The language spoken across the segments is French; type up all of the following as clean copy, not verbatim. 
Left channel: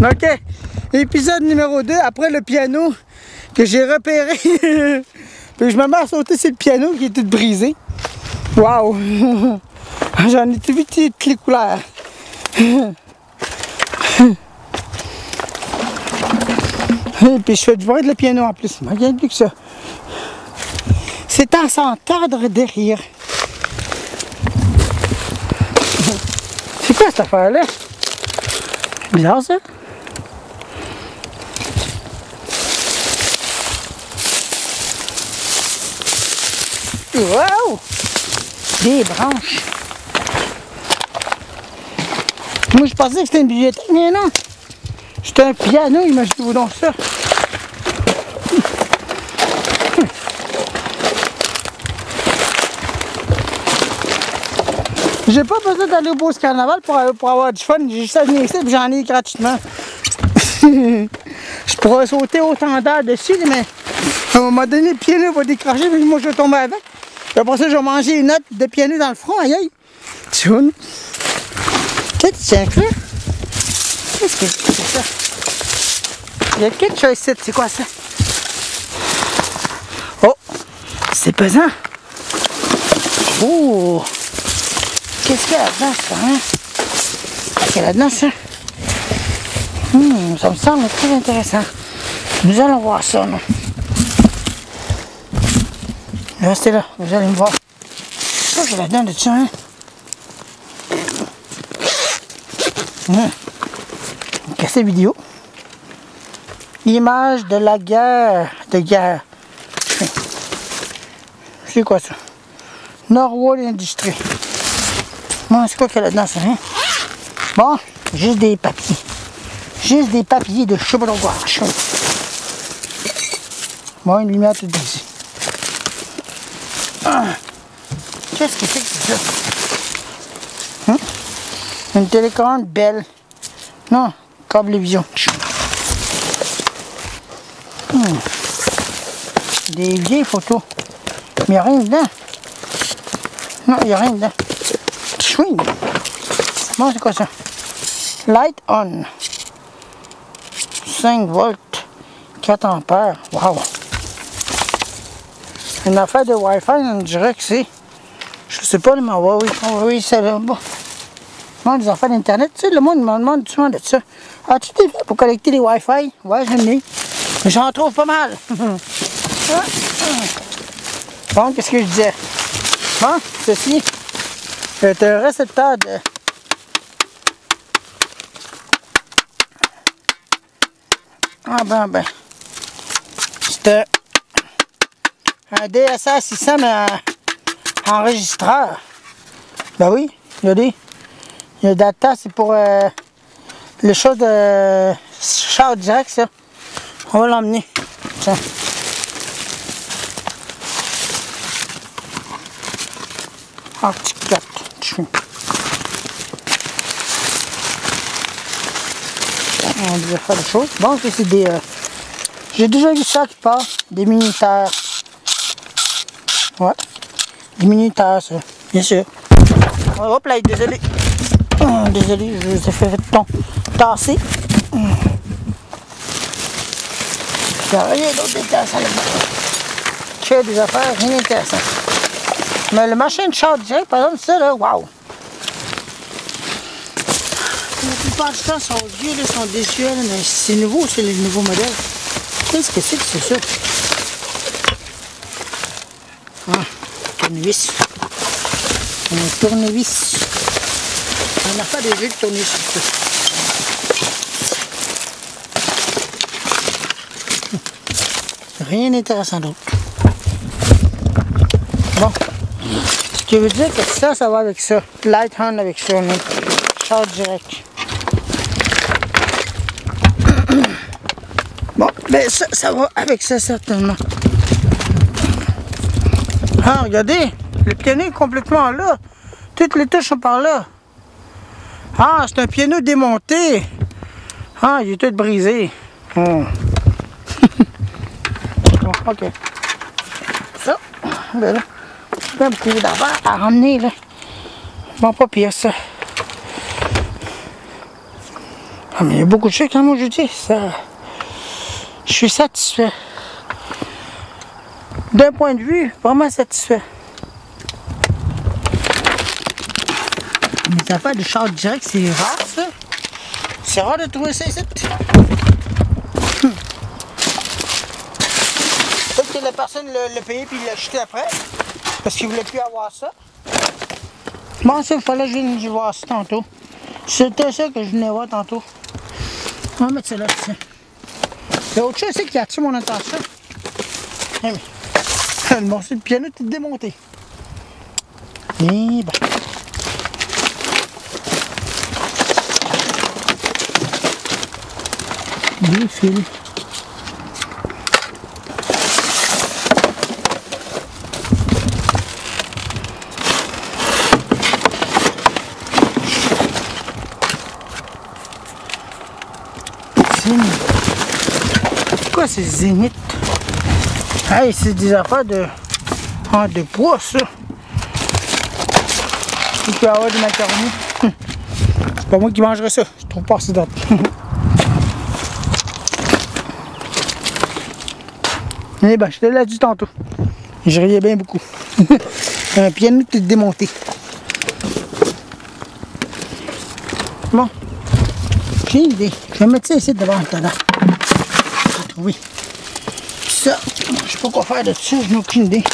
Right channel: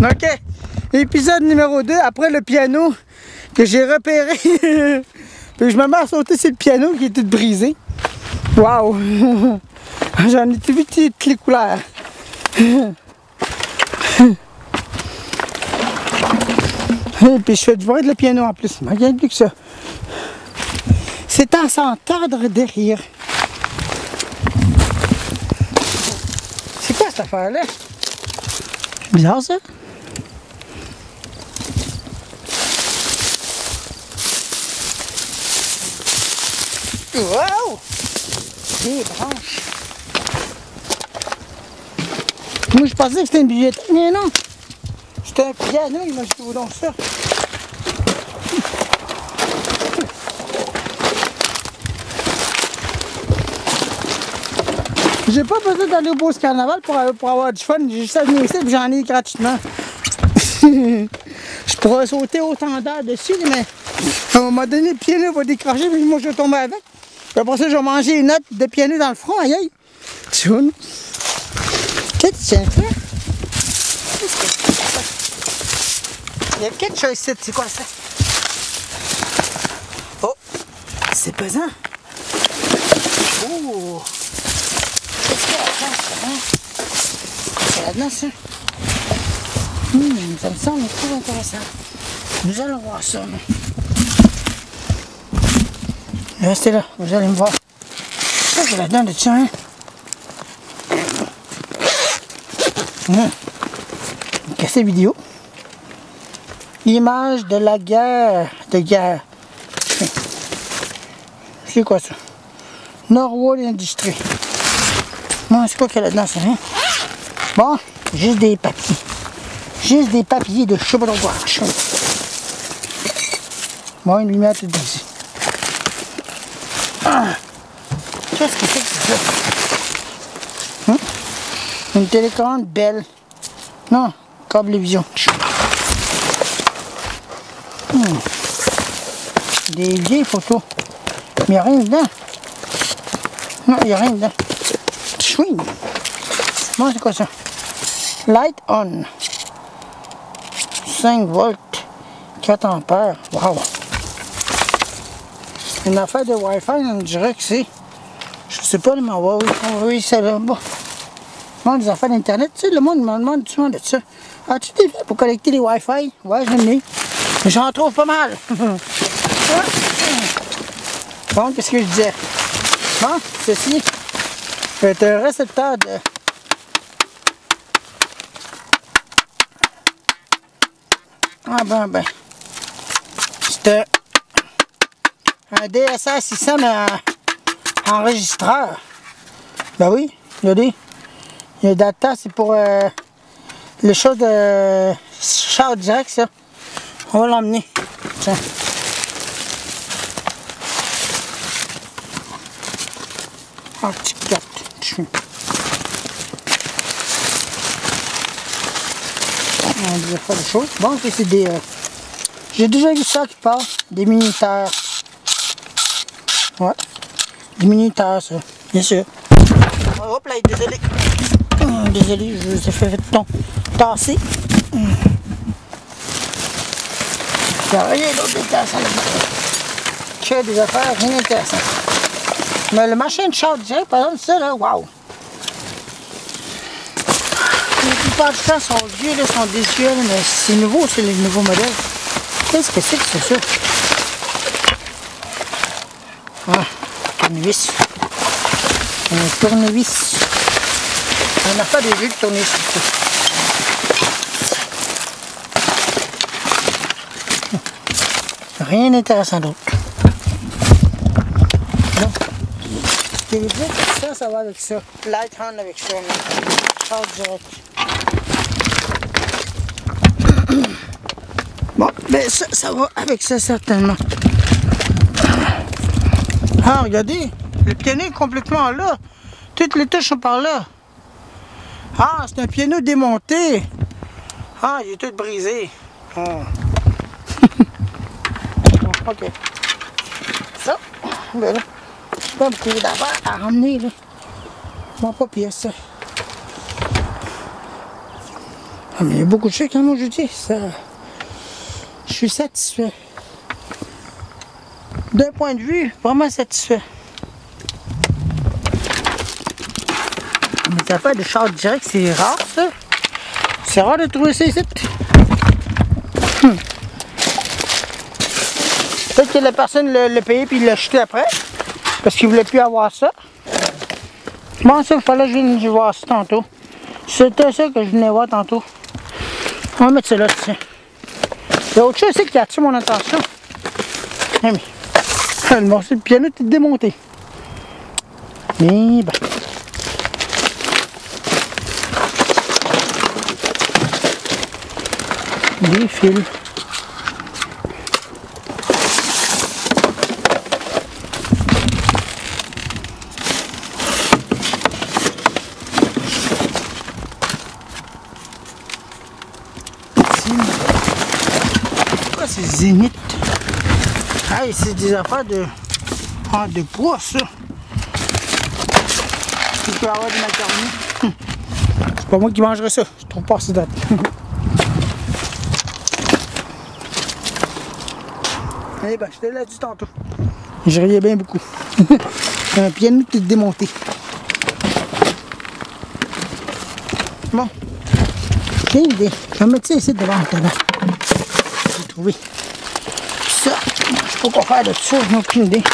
Ok. Épisode numéro 2, après le piano que j'ai repéré. Puis je me mets à sauter sur le piano qui est tout brisé. Waouh! J'en ai vu toutes les couleurs. Et puis je fais du bruit de le piano en plus. Regarde plus que ça. C'est à s'entendre derrière. C'est quoi cette affaire-là? Bizarre ça? Wow! Des branches. Moi je pensais que c'était une bibliothèque, mais non! C'était un piano, imaginez-vous donc ça. J'ai pas besoin d'aller au Beauce Carnaval pour avoir du fun, j'ai juste à venir ici et j'en ai gratuitement. Je pourrais sauter autant d'heures dessus, mais à un moment donné, le piano va décrocher et moi je vais tomber avec. Puis après ça, je vais manger une note de piano dans le front, aïe aïe. Tchoun. Qu'est-ce que c'est un peu? Qu'est-ce que c'est ça? Il y a quelque chose ici, c'est quoi ça? Oh! C'est pesant! Oh! Qu'est-ce qu'il y a là-dedans, ça? Hein? C'est là-dedans, ça? Ça me semble très intéressant. Nous allons voir ça, non? Restez là, vous allez me voir. Ça, c'est là-dedans de ça, hein? Une cassette vidéo. Image de la guerre. De guerre. C'est quoi ça? Norwood Industries. Bon, c'est quoi qu'il y a là-dedans, ça, hein? Bon, juste des papiers. Juste des papiers de chevauchage. Bon, une lumière toute brisée. Qu'est-ce que c'est ça? Une télécommande belle. Non, câblevision. Des vieilles photos. Mais il n'y a rien dedans. Non, il n'y a rien dedans. Swing. Bon, c'est quoi ça? Light on. 5 volts. 4 ampères. Wow. Une affaire de Wi-Fi, on dirait que c'est. Je sais pas, mais oui, c'est là. Bon. Bon, des affaires d'Internet, tu sais, le monde me demande souvent de ça. As-tu des fait pour collecter les Wi-Fi? Ouais, j'en ai. J'en trouve pas mal. Bon, qu'est-ce que je disais? Bon, ceci est un récepteur de... Ah ben. C'est un DSR 600, mais enregistreur. Ben oui, regardez. Il y a data, c'est pour les choses de char direct, ça. On va l'emmener. Tiens. Ah, petit carte. On devait faire des choses. Bon, c'est des... J'ai déjà vu ça qui part. Des minuteurs. Ouais. Des minuteurs, ça. Bien sûr. Hop là, désolé. Désolé, je vous ai fait tasser. Il n'y a rien d'autre d'intéressant là-dedans. Il y a des affaires rien d'intéressantes. Mais le machin de char direct, par exemple, ça là, waouh! La plupart du temps sont vieux, là, sont désuets, mais c'est nouveau, c'est les nouveaux modèles. Qu'est-ce que c'est ça? Ah, tournevis. Un tournevis. On a pas des jeux de tournevis. Rien d'intéressant d'autre. Bon. Ce qui veut dire que ça va avec ça. Light hand avec ça. Char direct. Bon, mais ça va avec ça certainement. Ah, regardez. Le piano est complètement là. Toutes les touches sont par là. Ah, c'est un piano démonté. Ah, il est tout brisé. Oh. Bon, ok. Ça, ben là, un petit peu d'avant à ramener là. Bon, pas pire ça. Ah, mais il y a beaucoup de choses, hein, moi je dis, ça. Je suis satisfait. D'un point de vue, vraiment satisfait. Les affaires de charge direct, c'est rare ça. C'est rare de trouver ça ici. Peut-être que la personne l'a payé puis il l'a acheté après. Parce qu'il ne voulait plus avoir ça. Bon, ça, il fallait que je vienne voir ça tantôt. C'était ça que je venais voir tantôt. On va mettre ça là, tiens. Il y a autre chose qui a attiré mon attention. Ah, mais, le morceau de piano est démonté. Et ben. Des fils. C'est quoi ces zéniths? Hey, c'est des affaires de poids, ça. Il peut y avoir du macaroni. C'est pas moi qui mangerais ça. Je trouve pas assez date. Eh ben, je te l'ai dit tantôt. Je riais bien beaucoup. Un piano tout démonté. Bon. J'ai une idée. Je vais mettre ça ici devant le talent. J'ai trouvé. Puis ça, je sais pas quoi faire de ça, je n'ai aucune idée.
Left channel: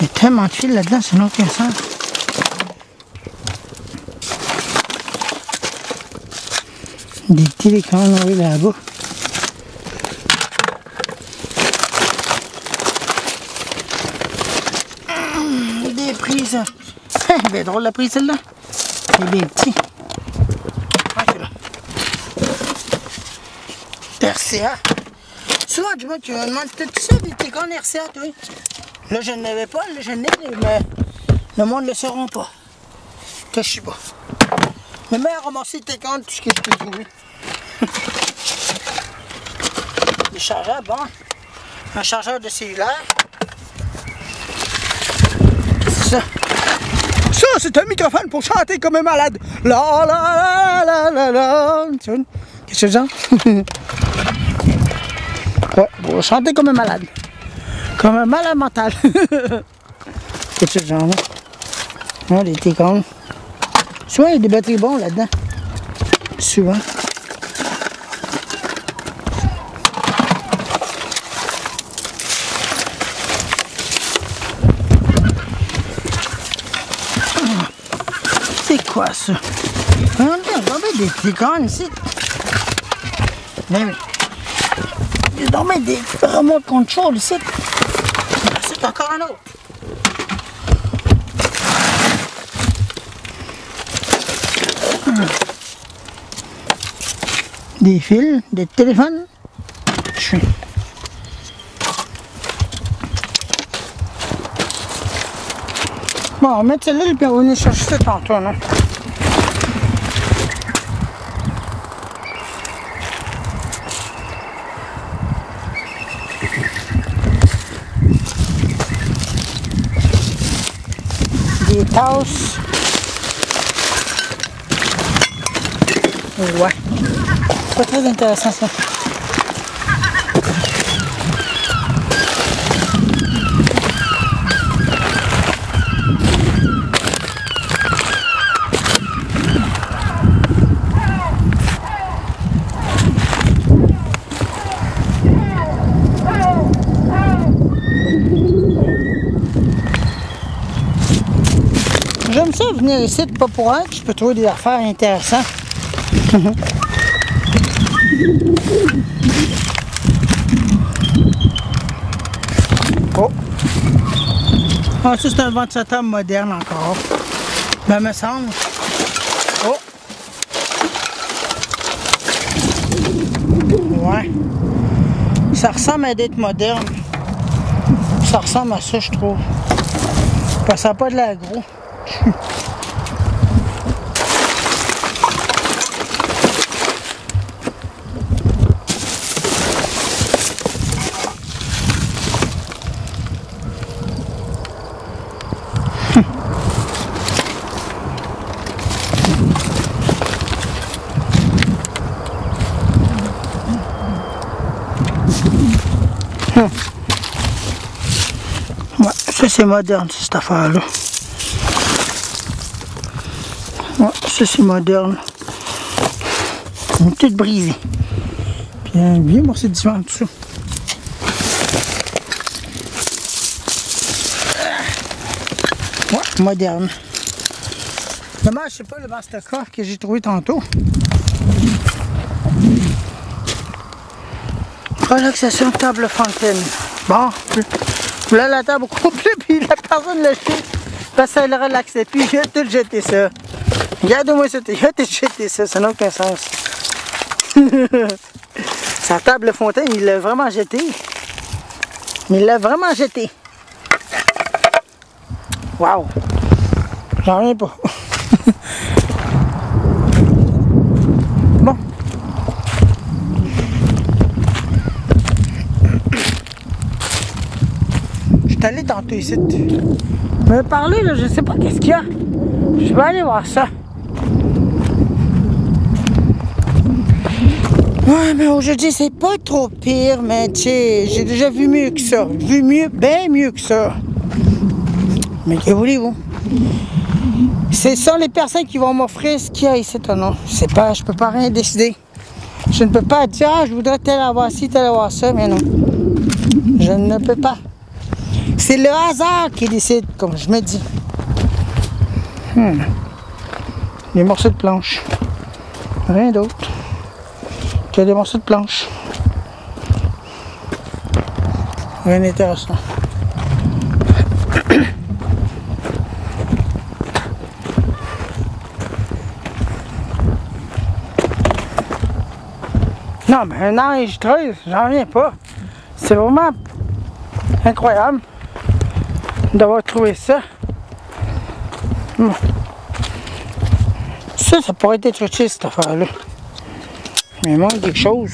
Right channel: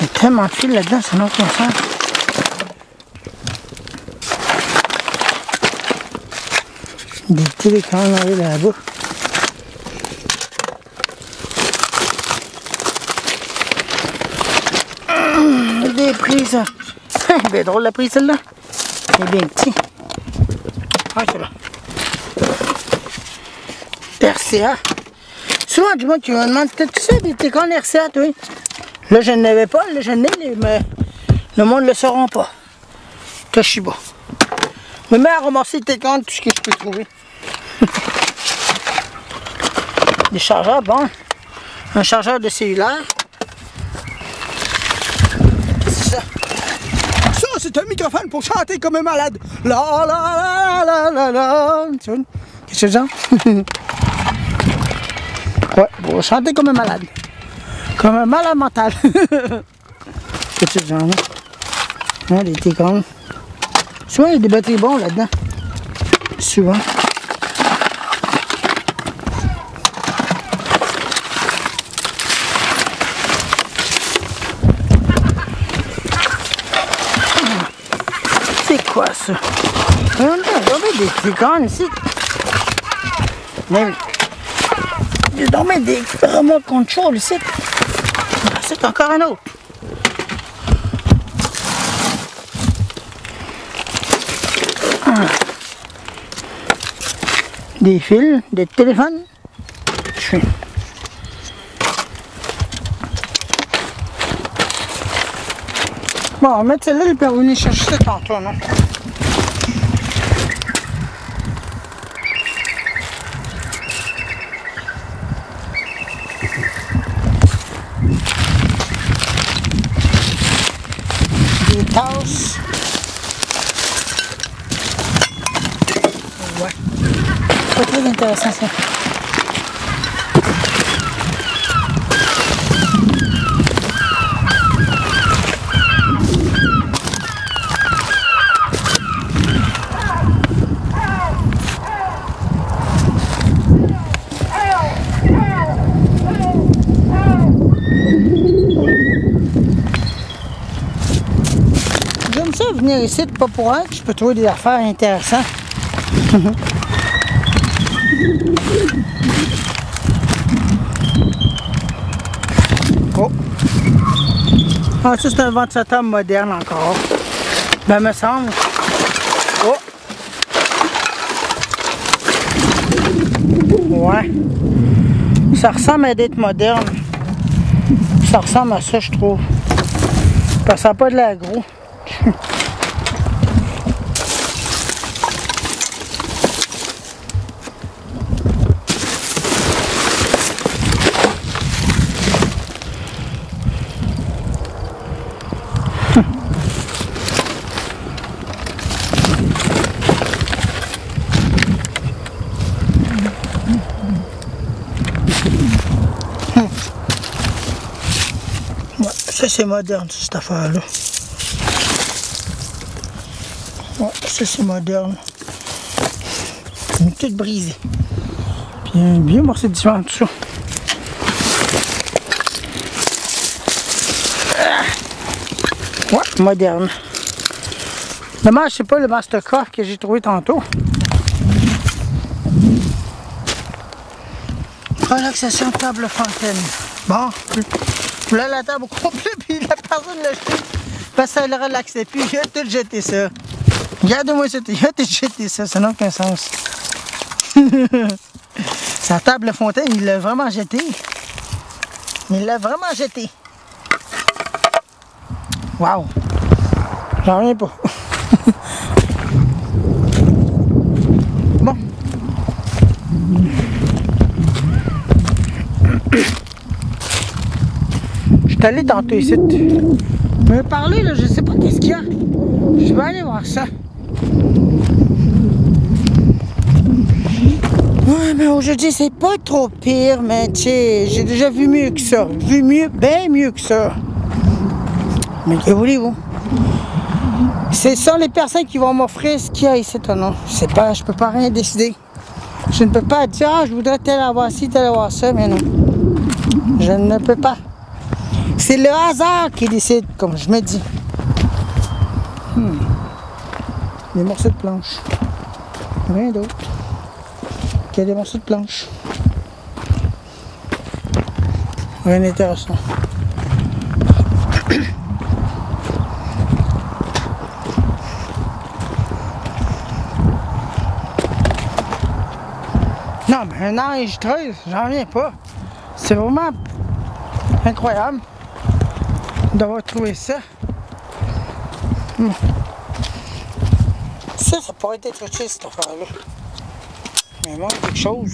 Il y a tellement de fils là-dedans, c'est non conscient. Des télécommandes là-bas. Des prises. C'est bien drôle la prise celle-là. C'est bien petit. Ah, c'est bon. RCA. Souvent, du monde qui me demande, t'as-tu ça, des télécommandes RCA, toi? Là, je n'avais pas, là, je n'ai, mais le monde ne le saura pas. Toshiba. Je me mets à ramasser les télécommandes, tout ce que je peux trouver. Des chargeurs, bon. Un chargeur de cellulaire. C'est ça. Ça, c'est un microphone pour chanter comme un malade. La la la la la la. Qu'est-ce que c'est genre? Ouais, pour chanter comme un malade. Comme un malade mental. Qu'est-ce que c'est genre là? Hein, des télécommandes. Souvent, il y a des batteries bons là-dedans. Souvent. C'est quoi ça? Il y en a des télécommandes ici. Mais il y a donc des remote control ici. C'est encore un autre. Des fils, des téléphones. Bon, on va mettre celle-là, puis on va venir chercher ça tantôt. Hein. Des tasses. Ouais. Pas très intéressant ça. J'aime ça venir ici, pas pour rien que je peux trouver des affaires intéressantes. Oh. Ah, ça c'est un ventilateur moderne encore. Ben, me semble. Oh. Ouais. Ça ressemble à d'être moderne. Ça ressemble à ça, je trouve. Ça sent pas de l'air gros. Ouais, ça c'est moderne cette affaire-là. Ouais, ça c'est moderne. Elle est toute brisée. Puis un bien morceau de divan tout ça. Ouais, moderne. Dommage, c'est pas le Mastercraft que j'ai trouvé tantôt. Voilà que ça sent une table fontaine. Bon, là la table coupée, puis la personne l'a jeté. Personne ne relaxait, puis il a tout jeté ça. Regarde-moi ça, il a tout jeté ça, ça n'a aucun sens. Sa table fontaine, il l'a vraiment jeté. Il l'a vraiment jeté. Waouh. J'en reviens pas. Bon. Je suis allé tantôt ici. Me parler là, je sais pas qu'est-ce qu'il y a. Je vais aller voir ça. Ouais, mais aujourd'hui c'est pas trop pire, mais tu sais, j'ai déjà vu mieux que ça. Vu mieux, bien mieux que ça. Mais que voulez-vous? Ce sont les personnes qui vont m'offrir ce qu'il y a ici, non? C'est pas, je peux pas rien décider. Je ne peux pas dire, ah, je voudrais tel avoir ci, tel avoir ça, mais non. Je ne peux pas. C'est le hasard qui décide, comme je me dis. Des morceaux de planche. Rien d'autre que des morceaux de planche. Rien d'intéressant. Non, mais un enregistreuse, j'en reviens pas. C'est vraiment incroyable d'avoir trouvé ça. Ça pourrait être utile cette affaire-là. Mais il manque quelque chose.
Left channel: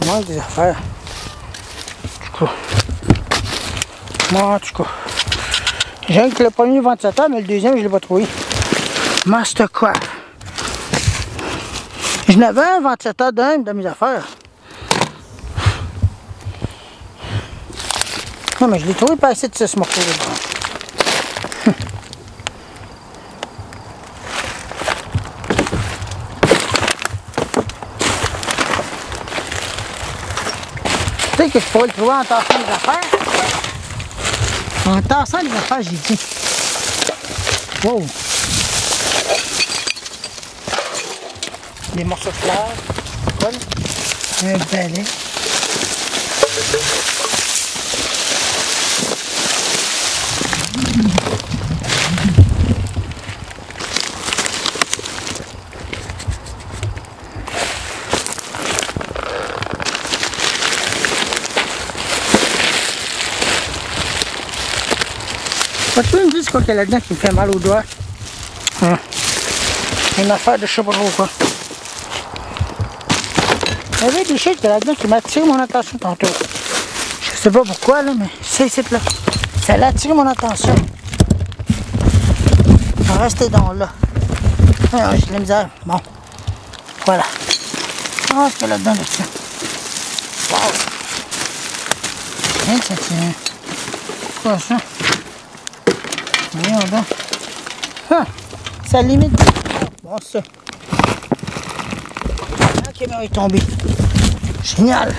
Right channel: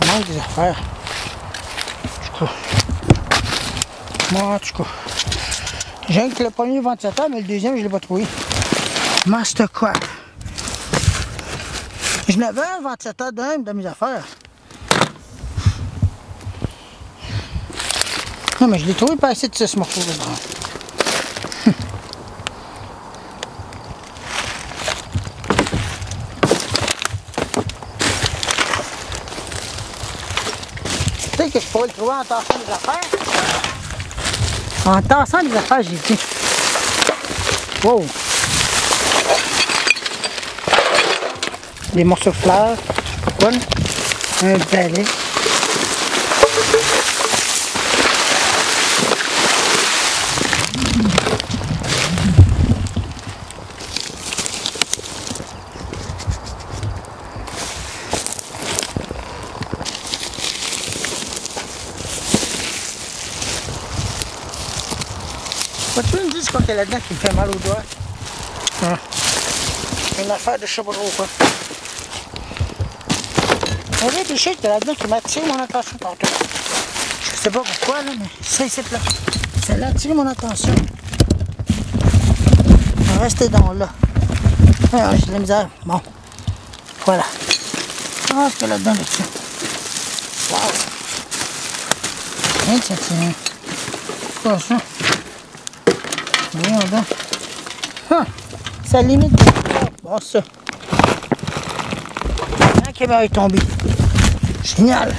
Il manque des affaires. En tout cas. J'ai que le premier ventilateur, mais le deuxième, je ne l'ai pas trouvé. Mastercraft. Je n'avais un ventilateur d'un de mes affaires. Non, mais je l'ai trouvé pas assez de ce morceau-là. Tu sais que je pourrais le trouver en tassant des affaires. En tassant des affaires, j'ai dit. Wow! Des morceaux de fleurs, un balai. Ça tourne juste côté là-dedans qui me fait mal aux doigts. Une affaire de je sais pas trop quoi. Il y a des choses là-dedans qui m'attirent mon attention tantôt. Je sais pas pourquoi là, mais c'est là. Ça a attiré mon attention. On va rester dans là. Ah, j'ai de la misère. Bon. Voilà. Ah, c'est là-dedans là-dessus. Wow. Rien de ça tient. C'est quoi ça? Voyons donc. Ah, ça limite de bon ça. La caméra est tombée. Génial.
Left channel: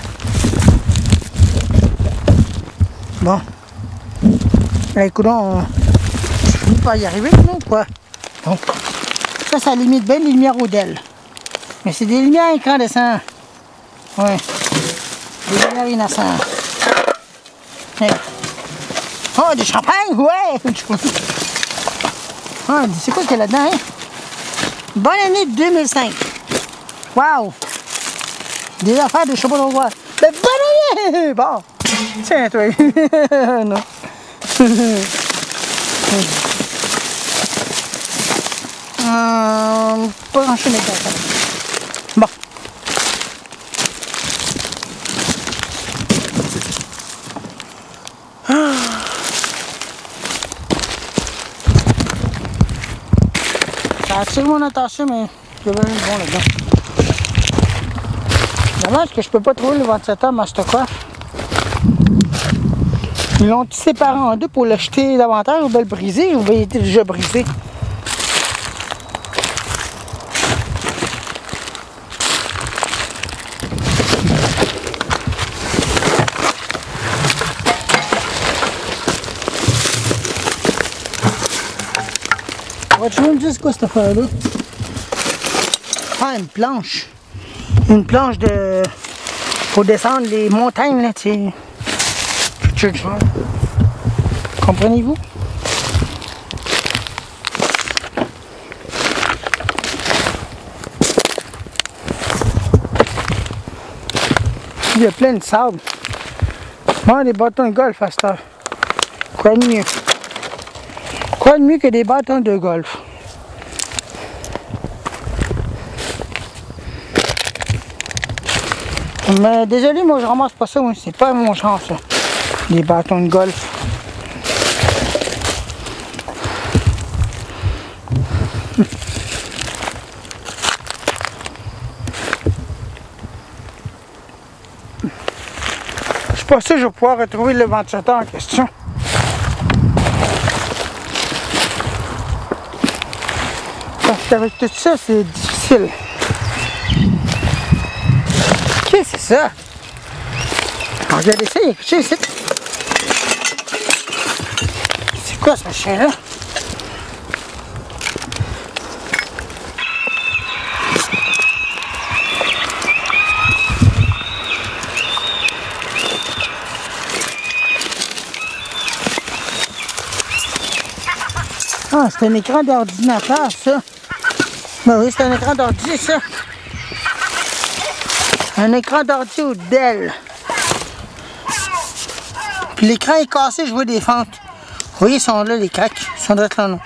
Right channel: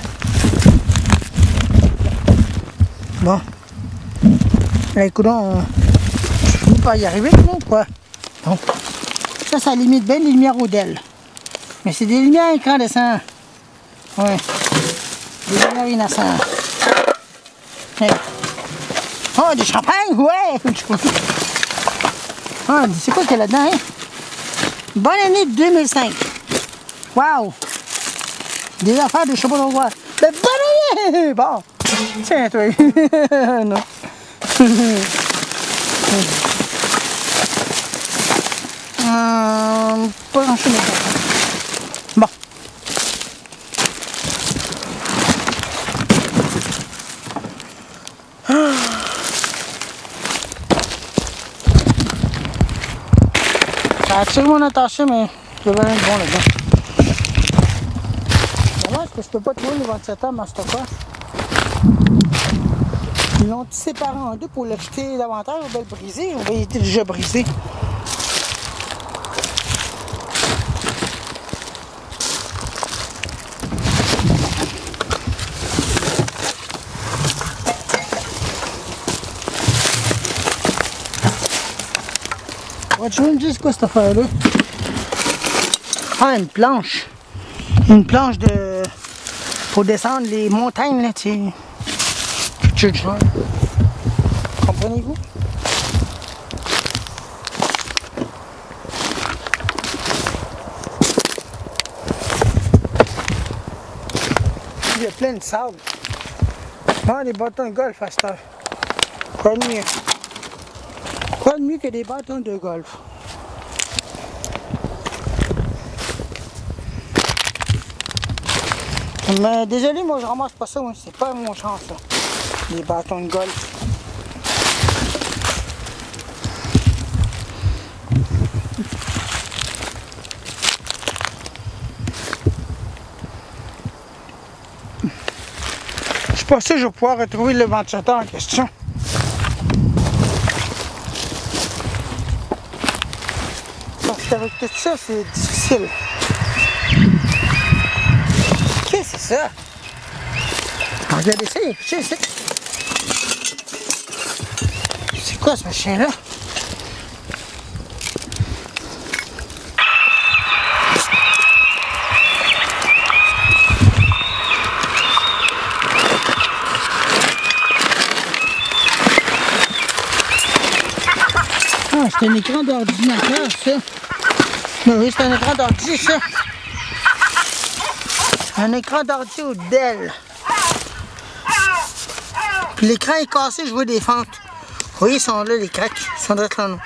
Bon. Là, écoute, je finis par y arriver, non, quoi. Donc, ça limite bien les lumières au DEL. Mais c'est des lumières incandescentes. Ouais. Des lumières innocentes. Hey. Oh, du champagne, ouais. Ah, c'est quoi qu'il y a là-dedans, hein? Bonne année 2005. Wow. Des affaires de je sais pas trop quoi. Mais bonne année! Bon. Tiens, toi. Non. Pas grand-chose de ça. Bon. Ça attire mon attention, mais il y avait rien de bon là-dedans. Dommage que je peux pas trouver le ventilateur Mastercraft. Ils l'ont séparé en deux pour l'acheter davantage ou bien le briser, ou bien il était déjà brisé. Tu veux me dire c'est quoi cette affaire-là? Ah, une planche. Une planche de... pour descendre les montagnes, là, tu sais. Comprenez-vous? Il y a plein de sable. Ah, des bâtons de golf à cette heure. Quoi de mieux? Quoi de mieux que des bâtons de golf? Mais désolé, moi je ramasse pas ça, c'est pas mon genre ça. Les bâtons de golf. Je suis pas sûr que je vais pouvoir retrouver le ventilateur en question. Parce qu'avec tout ça, c'est difficile. Qu'est-ce que c'est ça? Regardez ça, il est fiché ici. C'est quoi ce machin-là? Ah, c'est un écran d'ordinateur, ça. Ben oui, c'est un écran d'ordi, ça. Un écran d'ordi ou Dell. L'écran est cassé, je vois des fentes. Vous voyez, ils sont là, les craques. Ils sont d'être là, non.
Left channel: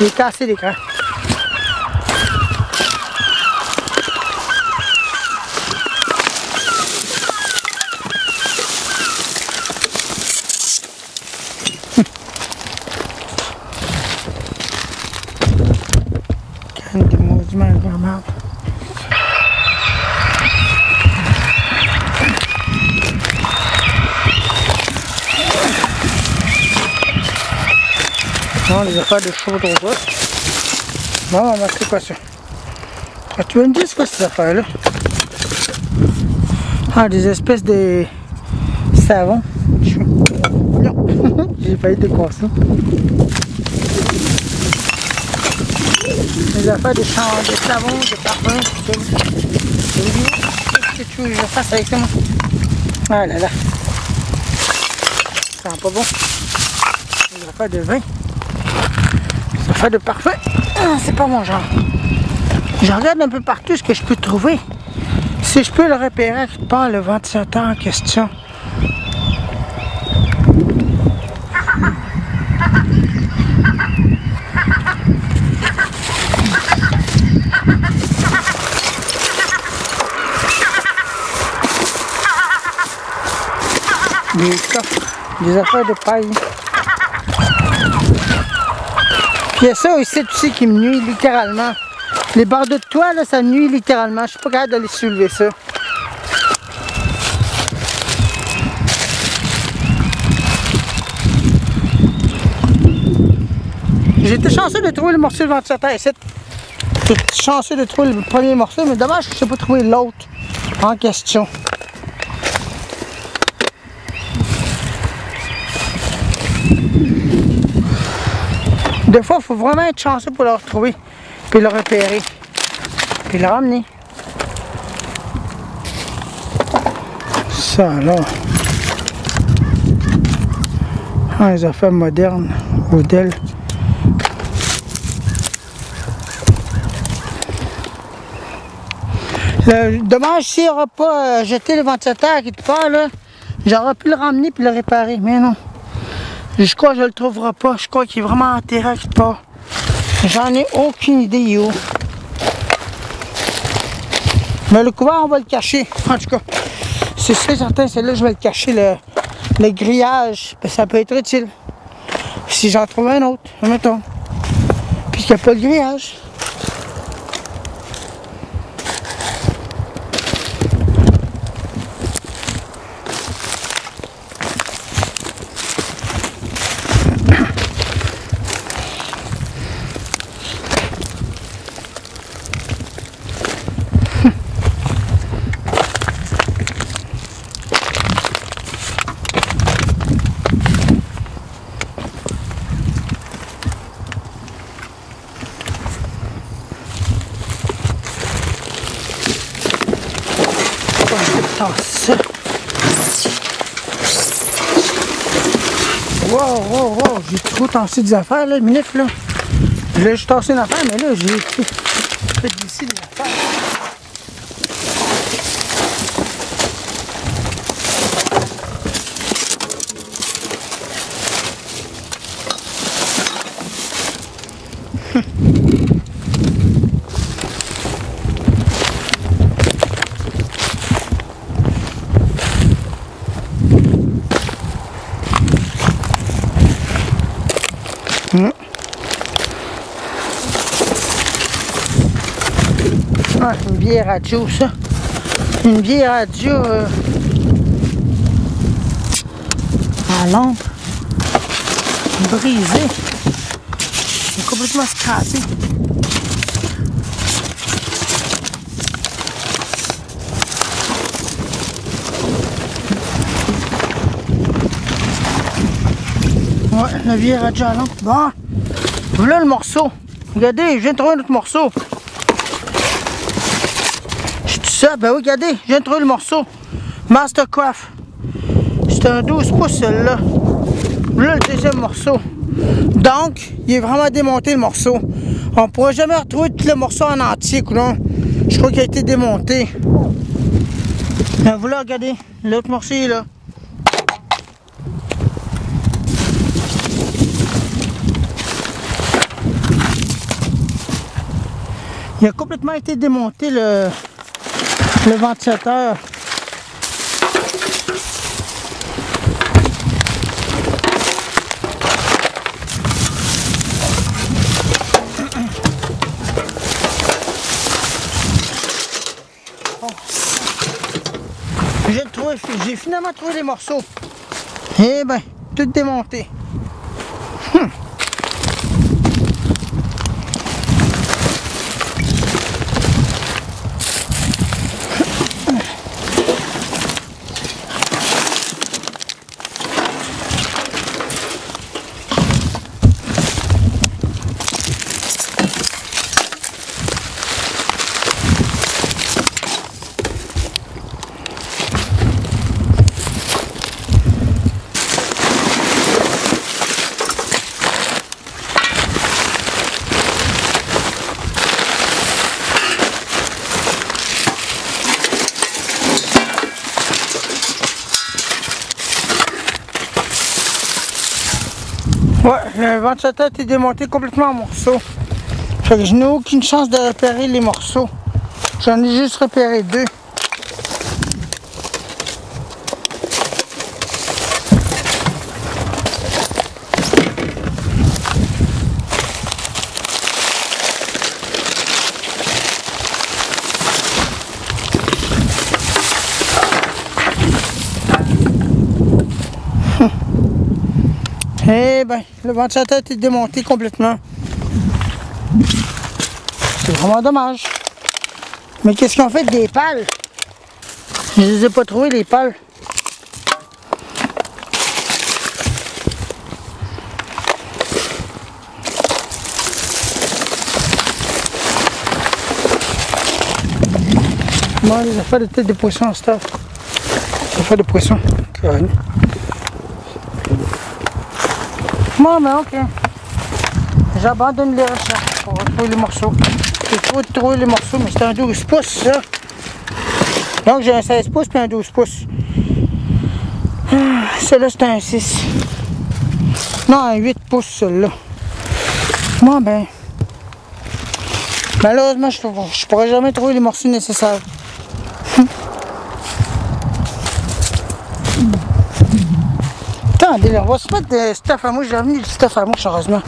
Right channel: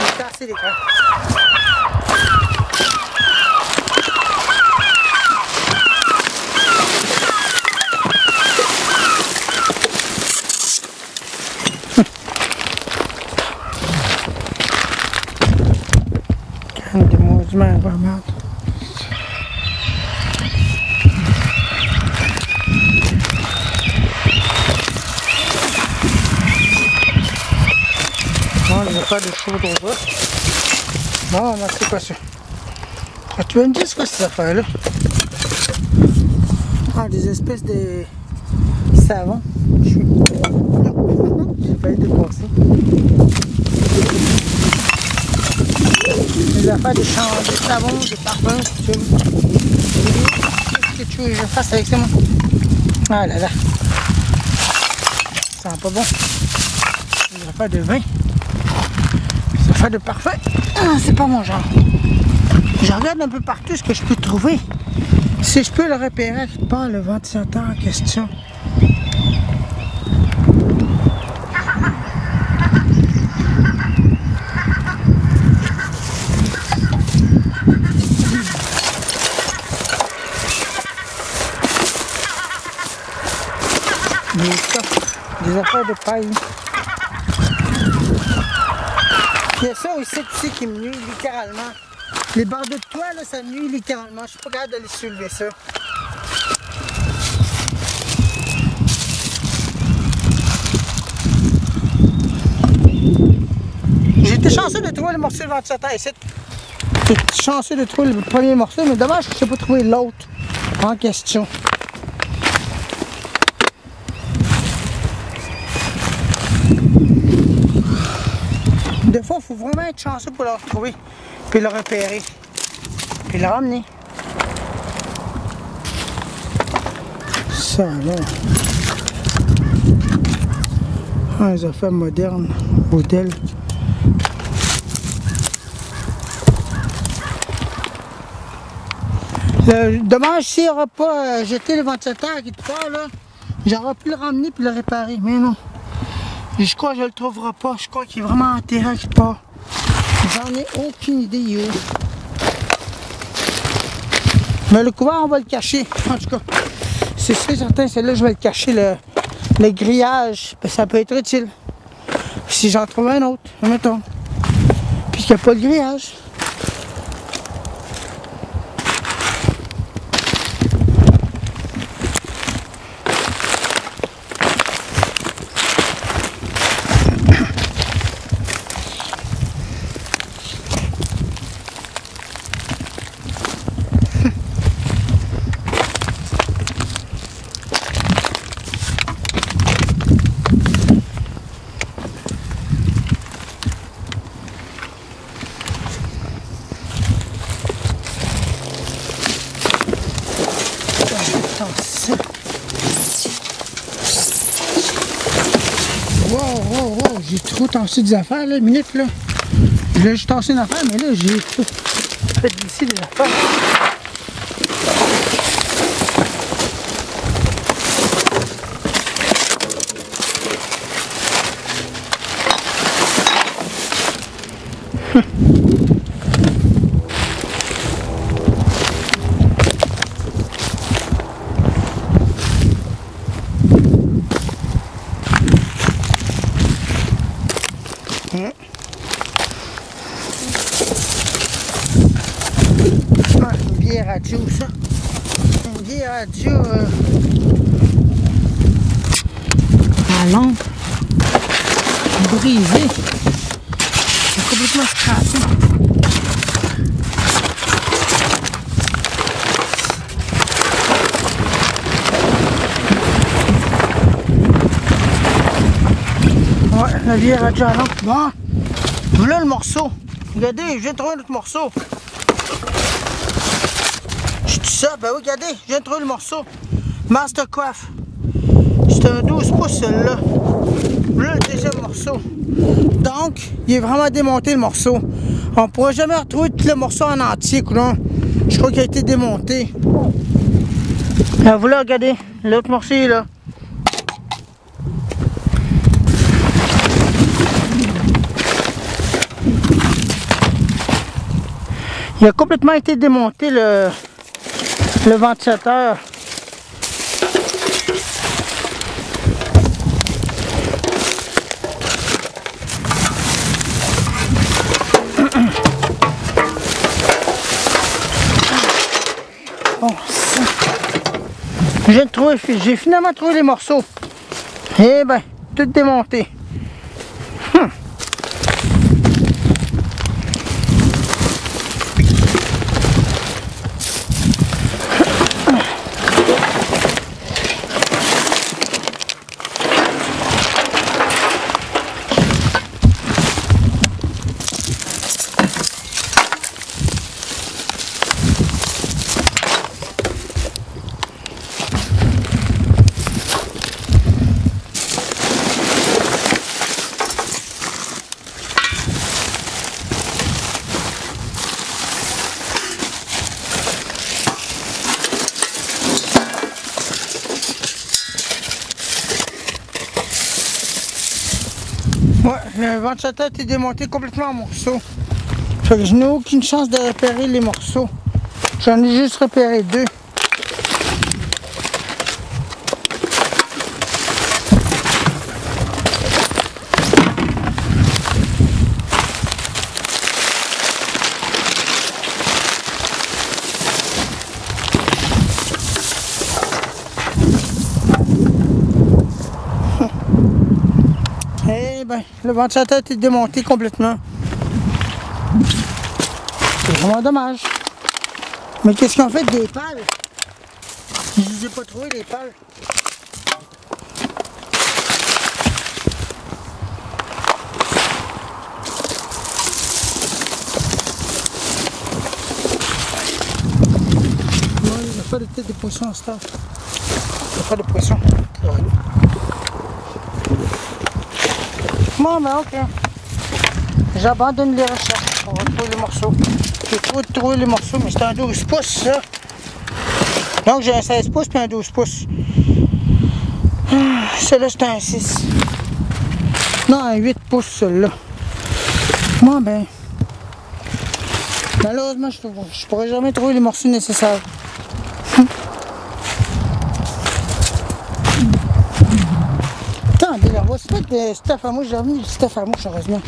Il est cassé, l'écran. Des maudits avant merde. Non, on va faire pas ça. Tu veux me dire ce que c'est cette affaire-là? Ah, des espèces de savon. Non, j'ai failli décroisser. Des affaires de savon. Ah là là. Ça va pas bon. J'ai pas de vin. Ça fait de parfait. Ah, c'est pas mon genre. Je regarde un peu partout ce que je peux trouver. Si je peux le repérer quelque part, le ventilateur en question. Des affaires de paille. Il y a ça aussi qui me nuit littéralement. Les barres de toit, là, ça me nuit littéralement. Je suis pas capable d'aller soulever ça. J'étais chanceux de trouver le morceau de ventilateur ici. J'étais chanceux de trouver le premier morceau, mais dommage que je n'ai pas trouvé l'autre en question. Des fois, il faut vraiment être chanceux pour le retrouver, puis le repérer, puis le ramener. Ça alors. Ah, les affaires modernes, au Dell. Dommage s'il n'aura pas jeté le ventilateur quelque part, là, j'aurais pu le ramener puis le réparer, mais non. Je crois que je ne le trouverai pas. Je crois qu'il est vraiment enterré quelque part. J'en ai aucune idée où. Mais le couvert, on va le cacher. En tout cas, c'est certain, c'est là que je vais le cacher, le grillage. Ça peut être utile. Si j'en trouve un autre, mettons. Puisqu'il n'y a pas de grillage. j'ai trop tassé des affaires, là, une minute, là. Là, j'ai tassé une affaire, mais là, j'ai fait d'ici des affaires. Ah, c'est une vieille radio, ça. Une vieille radio. La lampe. Brisée. Elle est complètement scrappée. Ouais, la vieille radio avant. Bon. Voilà le morceau. Regardez, je viens de trouver un autre morceau. Je suis tout seul. Ben oui, regardez, je viens de trouver le morceau. Mastercraft. C'est un 12 pouces, celui-là. Voilà le deuxième morceau. Donc, il est vraiment démonté, le morceau. On ne pourra jamais retrouver tout le morceau en entier, coulon. Je crois qu'il a été démonté. Ben voilà, regardez. L'autre morceau, il est là. Il a complètement été démonté le ventilateur. Bon, j'ai finalement trouvé les morceaux. Eh ben, tout démonté. Ouais, le ventilateur est démonté complètement en morceaux. Fait que je n'ai aucune chance de repérer les morceaux. J'en ai juste repéré 2. Eh ben, le ventilateur est démonté complètement. C'est vraiment dommage. Mais qu'est-ce qu'on fait des pales? Je les ai pas trouvées, les pales. Moi, les affaires de tête de poisson en stuff. Les affaires de poisson. Carrément. Bon, ben ok. J'abandonne les recherches pour trouver les morceaux. Il faut trouver les morceaux, mais c'est un 12 pouces, ça. Donc j'ai un 16 pouces puis un 12 pouces. Celui-là, c'est un 6. Non, un 8 pouces, celui-là. Moi, ben... malheureusement, je pourrais jamais trouver les morceaux nécessaires. Attendez, on va se mettre de stuff à mouche. J'ai amené du stuff à mouche, heureusement.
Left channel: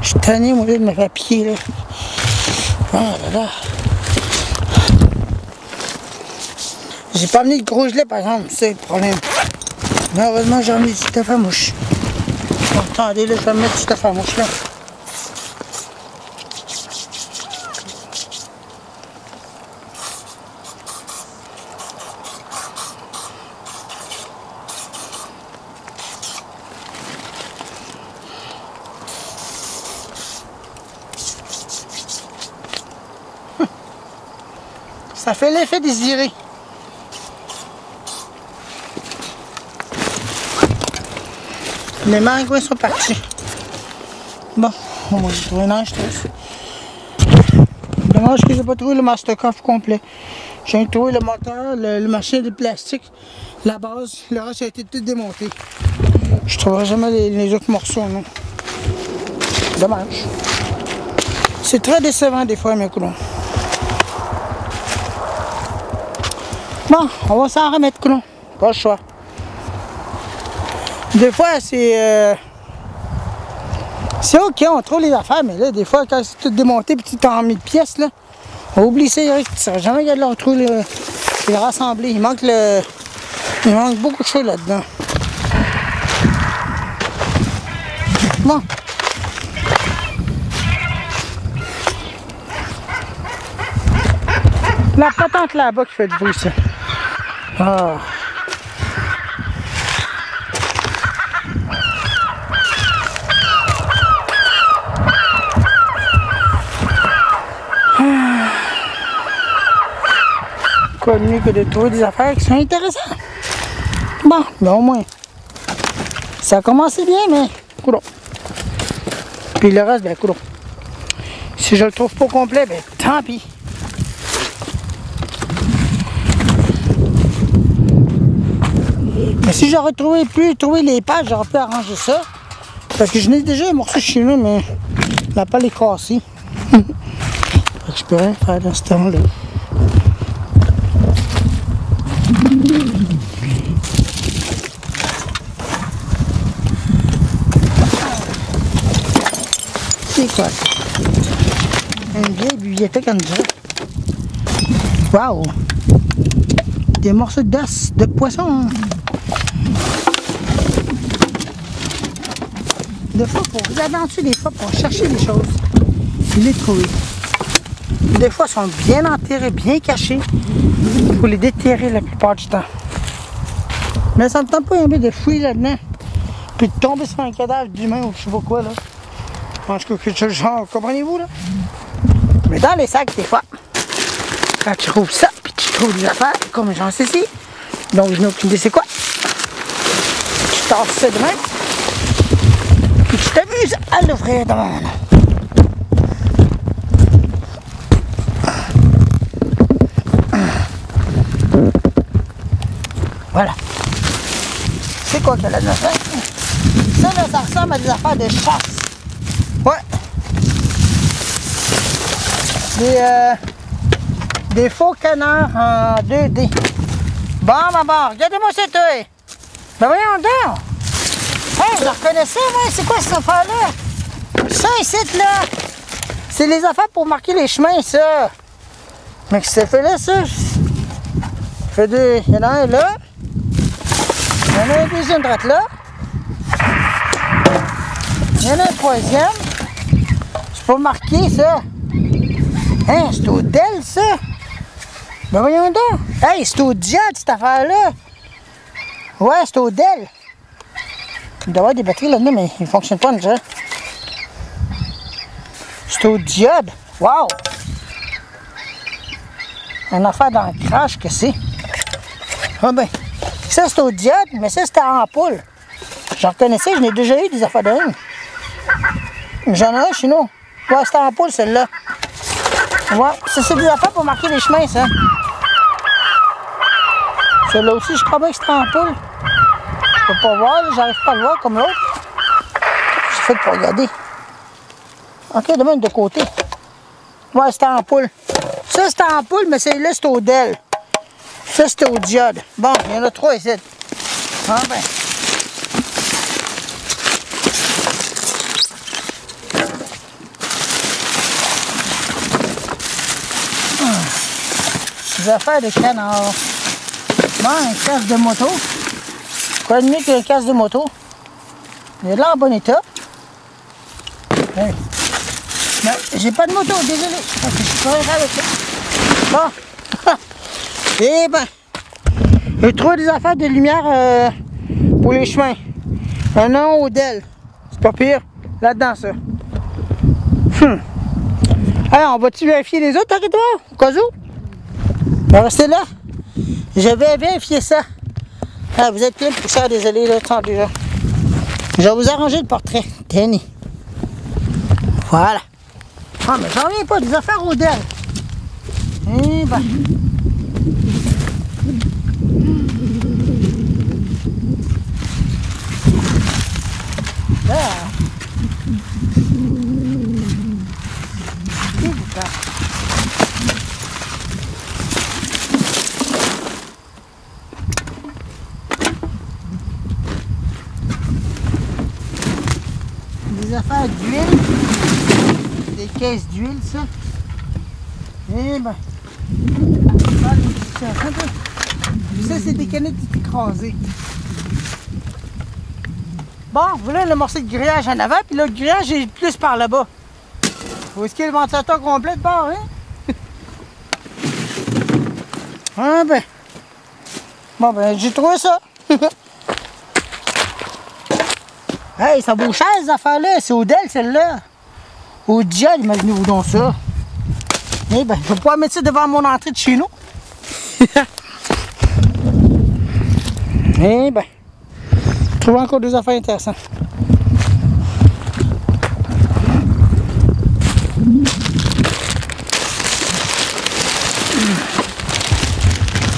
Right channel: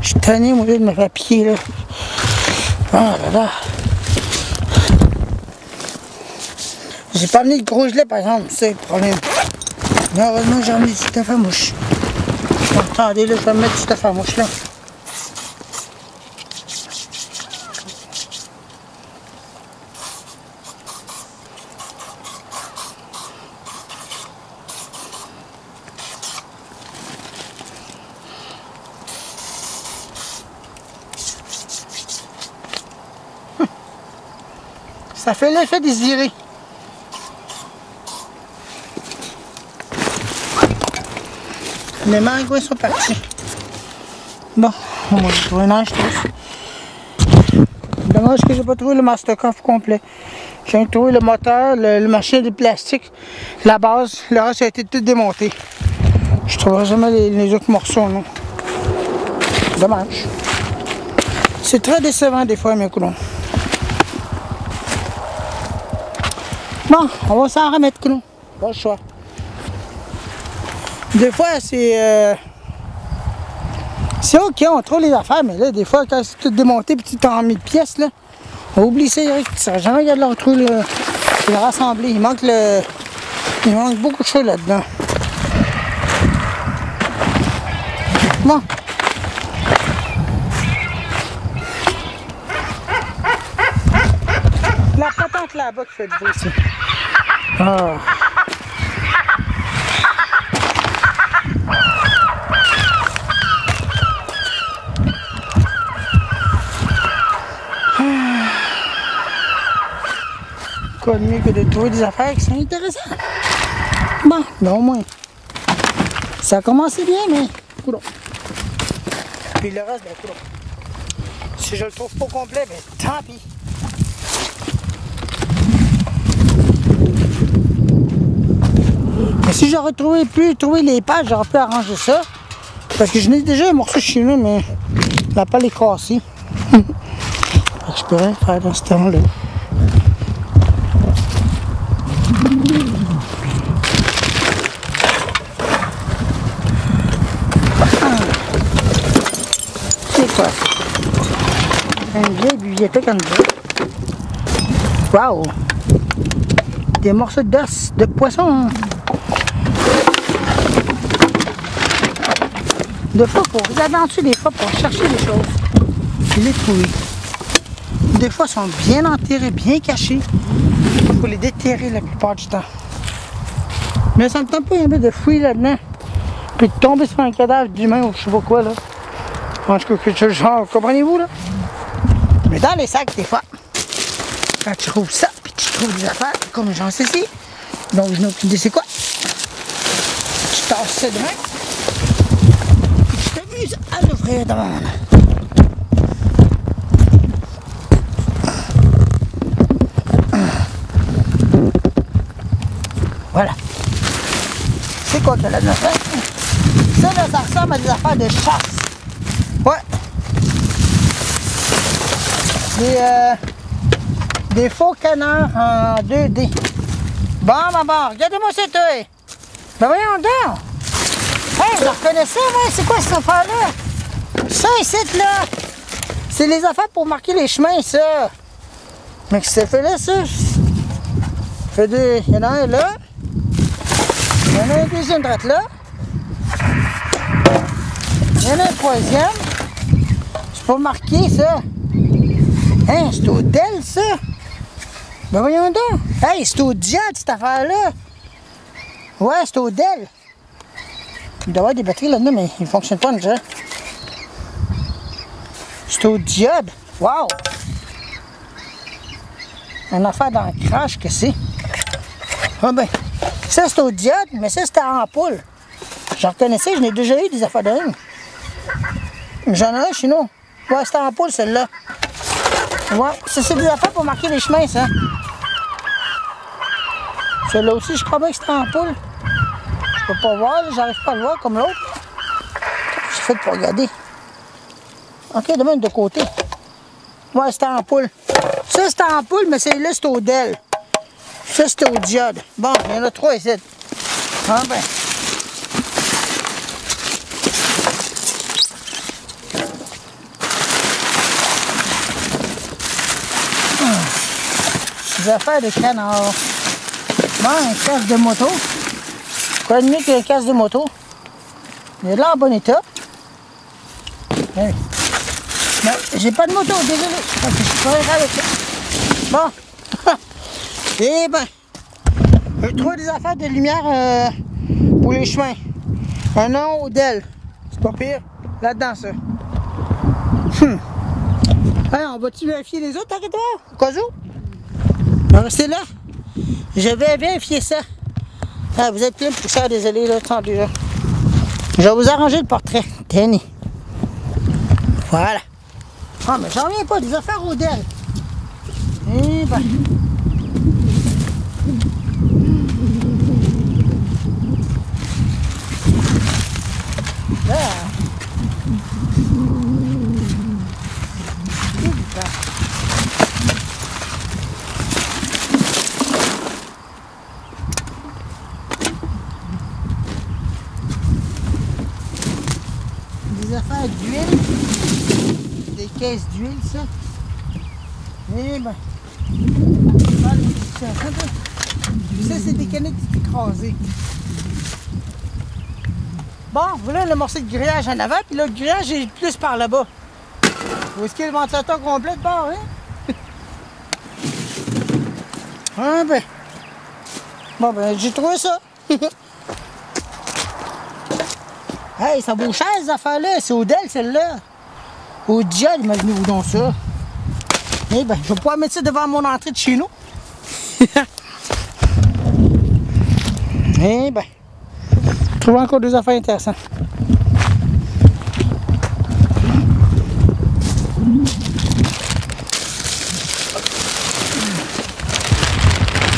Je suis tanné, moi, de me faire piquer, là. Oh là là. J'ai pas amené de gros gelé, par exemple, c'est le problème. Mais heureusement, j'ai amené du stuff à mouche. Bon, attendez, là, je vais me mettre du stuff à mouche, là. Ça fait l'effet désiré. Les maringouins sont partis. Bon, on va trouver un tous. Dommage que j'ai pas trouvé le master coffre complet. J'ai trouvé le moteur, le machin de plastique, la base, le reste a été tout démonté. Je trouverai jamais les autres morceaux, non. Dommage. C'est très décevant des fois, mes coulons. Bon, on va s'en remettre, coulons. Pas le choix. Des fois, c'est ok, on trouve les affaires, mais là, des fois, quand c'est tout démonté et tout en mis de pièces, là, on oublie ça, Eric. Tu ne seras jamais capable de le retrouver, le rassembler. Il manque beaucoup de choses là-dedans. Bon. La patente là-bas qui fait du bruit, ça. Ah. De trouver des affaires qui sont intéressantes. Bon, mais au moins, ça a commencé bien, mais coudonc. Puis le reste, ben coudonc. Si je le trouve pas complet, ben tant pis. Mais si j'aurais pu trouver les pages, j'aurais pu arranger ça. Parce que je n'ai déjà un morceau chez nous, mais la pelle est cassée. Je peux rien faire dans ce temps-là. Wow! Des morceaux d'os, de poisson. Hein. Des fois, pour regarder en dessous, des fois, pour chercher des choses. Je les trouve. Des fois, ils sont bien enterrés, bien cachés. Il faut les déterrer la plupart du temps. Mais ça ne me tente pas un peu de fouiller là-dedans. Puis de tomber sur un cadavre d'humain ou je sais pas quoi, là. En tout cas, quelque chose genre, comprenez-vous, là? Mais dans les sacs, des fois, quand tu trouves ça, puis tu trouves des affaires, comme j'en sais ici. Donc, je me dis, c'est quoi? Tu tasses ça de même, puis tu t'amuses à l'ouvrir de même. Voilà. C'est quoi qu'elle a de faire? Ça, là, ça ressemble à des affaires de chasse. Ouais. Des faux canards en 2D. Bon, maman, regardez-moi cette œil. Ben voyons donc. Hey, je reconnais ça, moi. C'est quoi cette affaire-là? Ça, ici, là. C'est les affaires pour marquer les chemins, ça. Mais qu'est-ce que ça fait là, ça? Il y en a un là. Il y en a un deuxième droite là. Il y en a un troisième. C'est pas marqué, ça. Hein, c'est au Dell, ça? Ben voyons donc. Hey, c'est au diode, cette affaire-là. Ouais, c'est au Dell. Il doit y avoir des batteries là-dedans, mais ils ne fonctionnent pas, déjà. C'est au diode. Wow! Une affaire d'ancrage que c'est. Ah ben, ça c'est au diode, mais ça c'était en ampoule. J'en reconnaissais, je n'ai déjà eu des affaires de même. J'en ai un chez nous. Ouais, c'était en ampoule, celle-là. Ouais, ça c'est des affaires pour marquer les chemins, ça. Celle-là aussi, je crois bien que c'était en ampoule. Je peux pas voir, j'arrive pas à le voir comme l'autre. J'ai fait pour regarder. Ok, de même de côté. Ouais, c'était en ampoule. Ça c'était en ampoule, mais celle-là c'était au Dell. Ça c'était au diode. Bon, il y en a 3 ici. Ah ben. Des affaires de canard. Bon, un casque de moto. Quoi de mieux qu'un casque de moto? Il est là en bon état. Oui. Mais j'ai pas de moto, désolé. Parce que je suis pas avec ça. Bon. Eh ben. J'ai trouvé des affaires de lumière pour les chemins. Un an au Dell. C'est pas pire. Là-dedans, ça. Alors, on va-tu vérifier les autres territoires? Au cas où? Ben, restez là. Je vais vérifier ça. Ah, vous êtes plein de poussière, désolé, là, attendez là. Je vais vous arranger le portrait. Tenez. Voilà. Ah, mais j'en reviens pas, des affaires au DEL. Eh ben. Là. Des affaires d'huile. Des caisses d'huile, ça. Eh ben. Ça, c'est des canettes écrasées. Bon, voilà le morceau de grillage en avant, puis là, le grillage est plus par là-bas. Où est-ce qu'il y a le ventilateur complet de bord, hein? Ah ben. Bon, ben, j'ai trouvé ça. Hey, ça vaut cher, ces affaires-là. C'est au DEL, celle-là. Au DEL, imaginez-vous donc ça. Eh ben, je vais pouvoir mettre ça devant mon entrée de chez nous. Eh ben. Je trouve encore deux affaires intéressantes.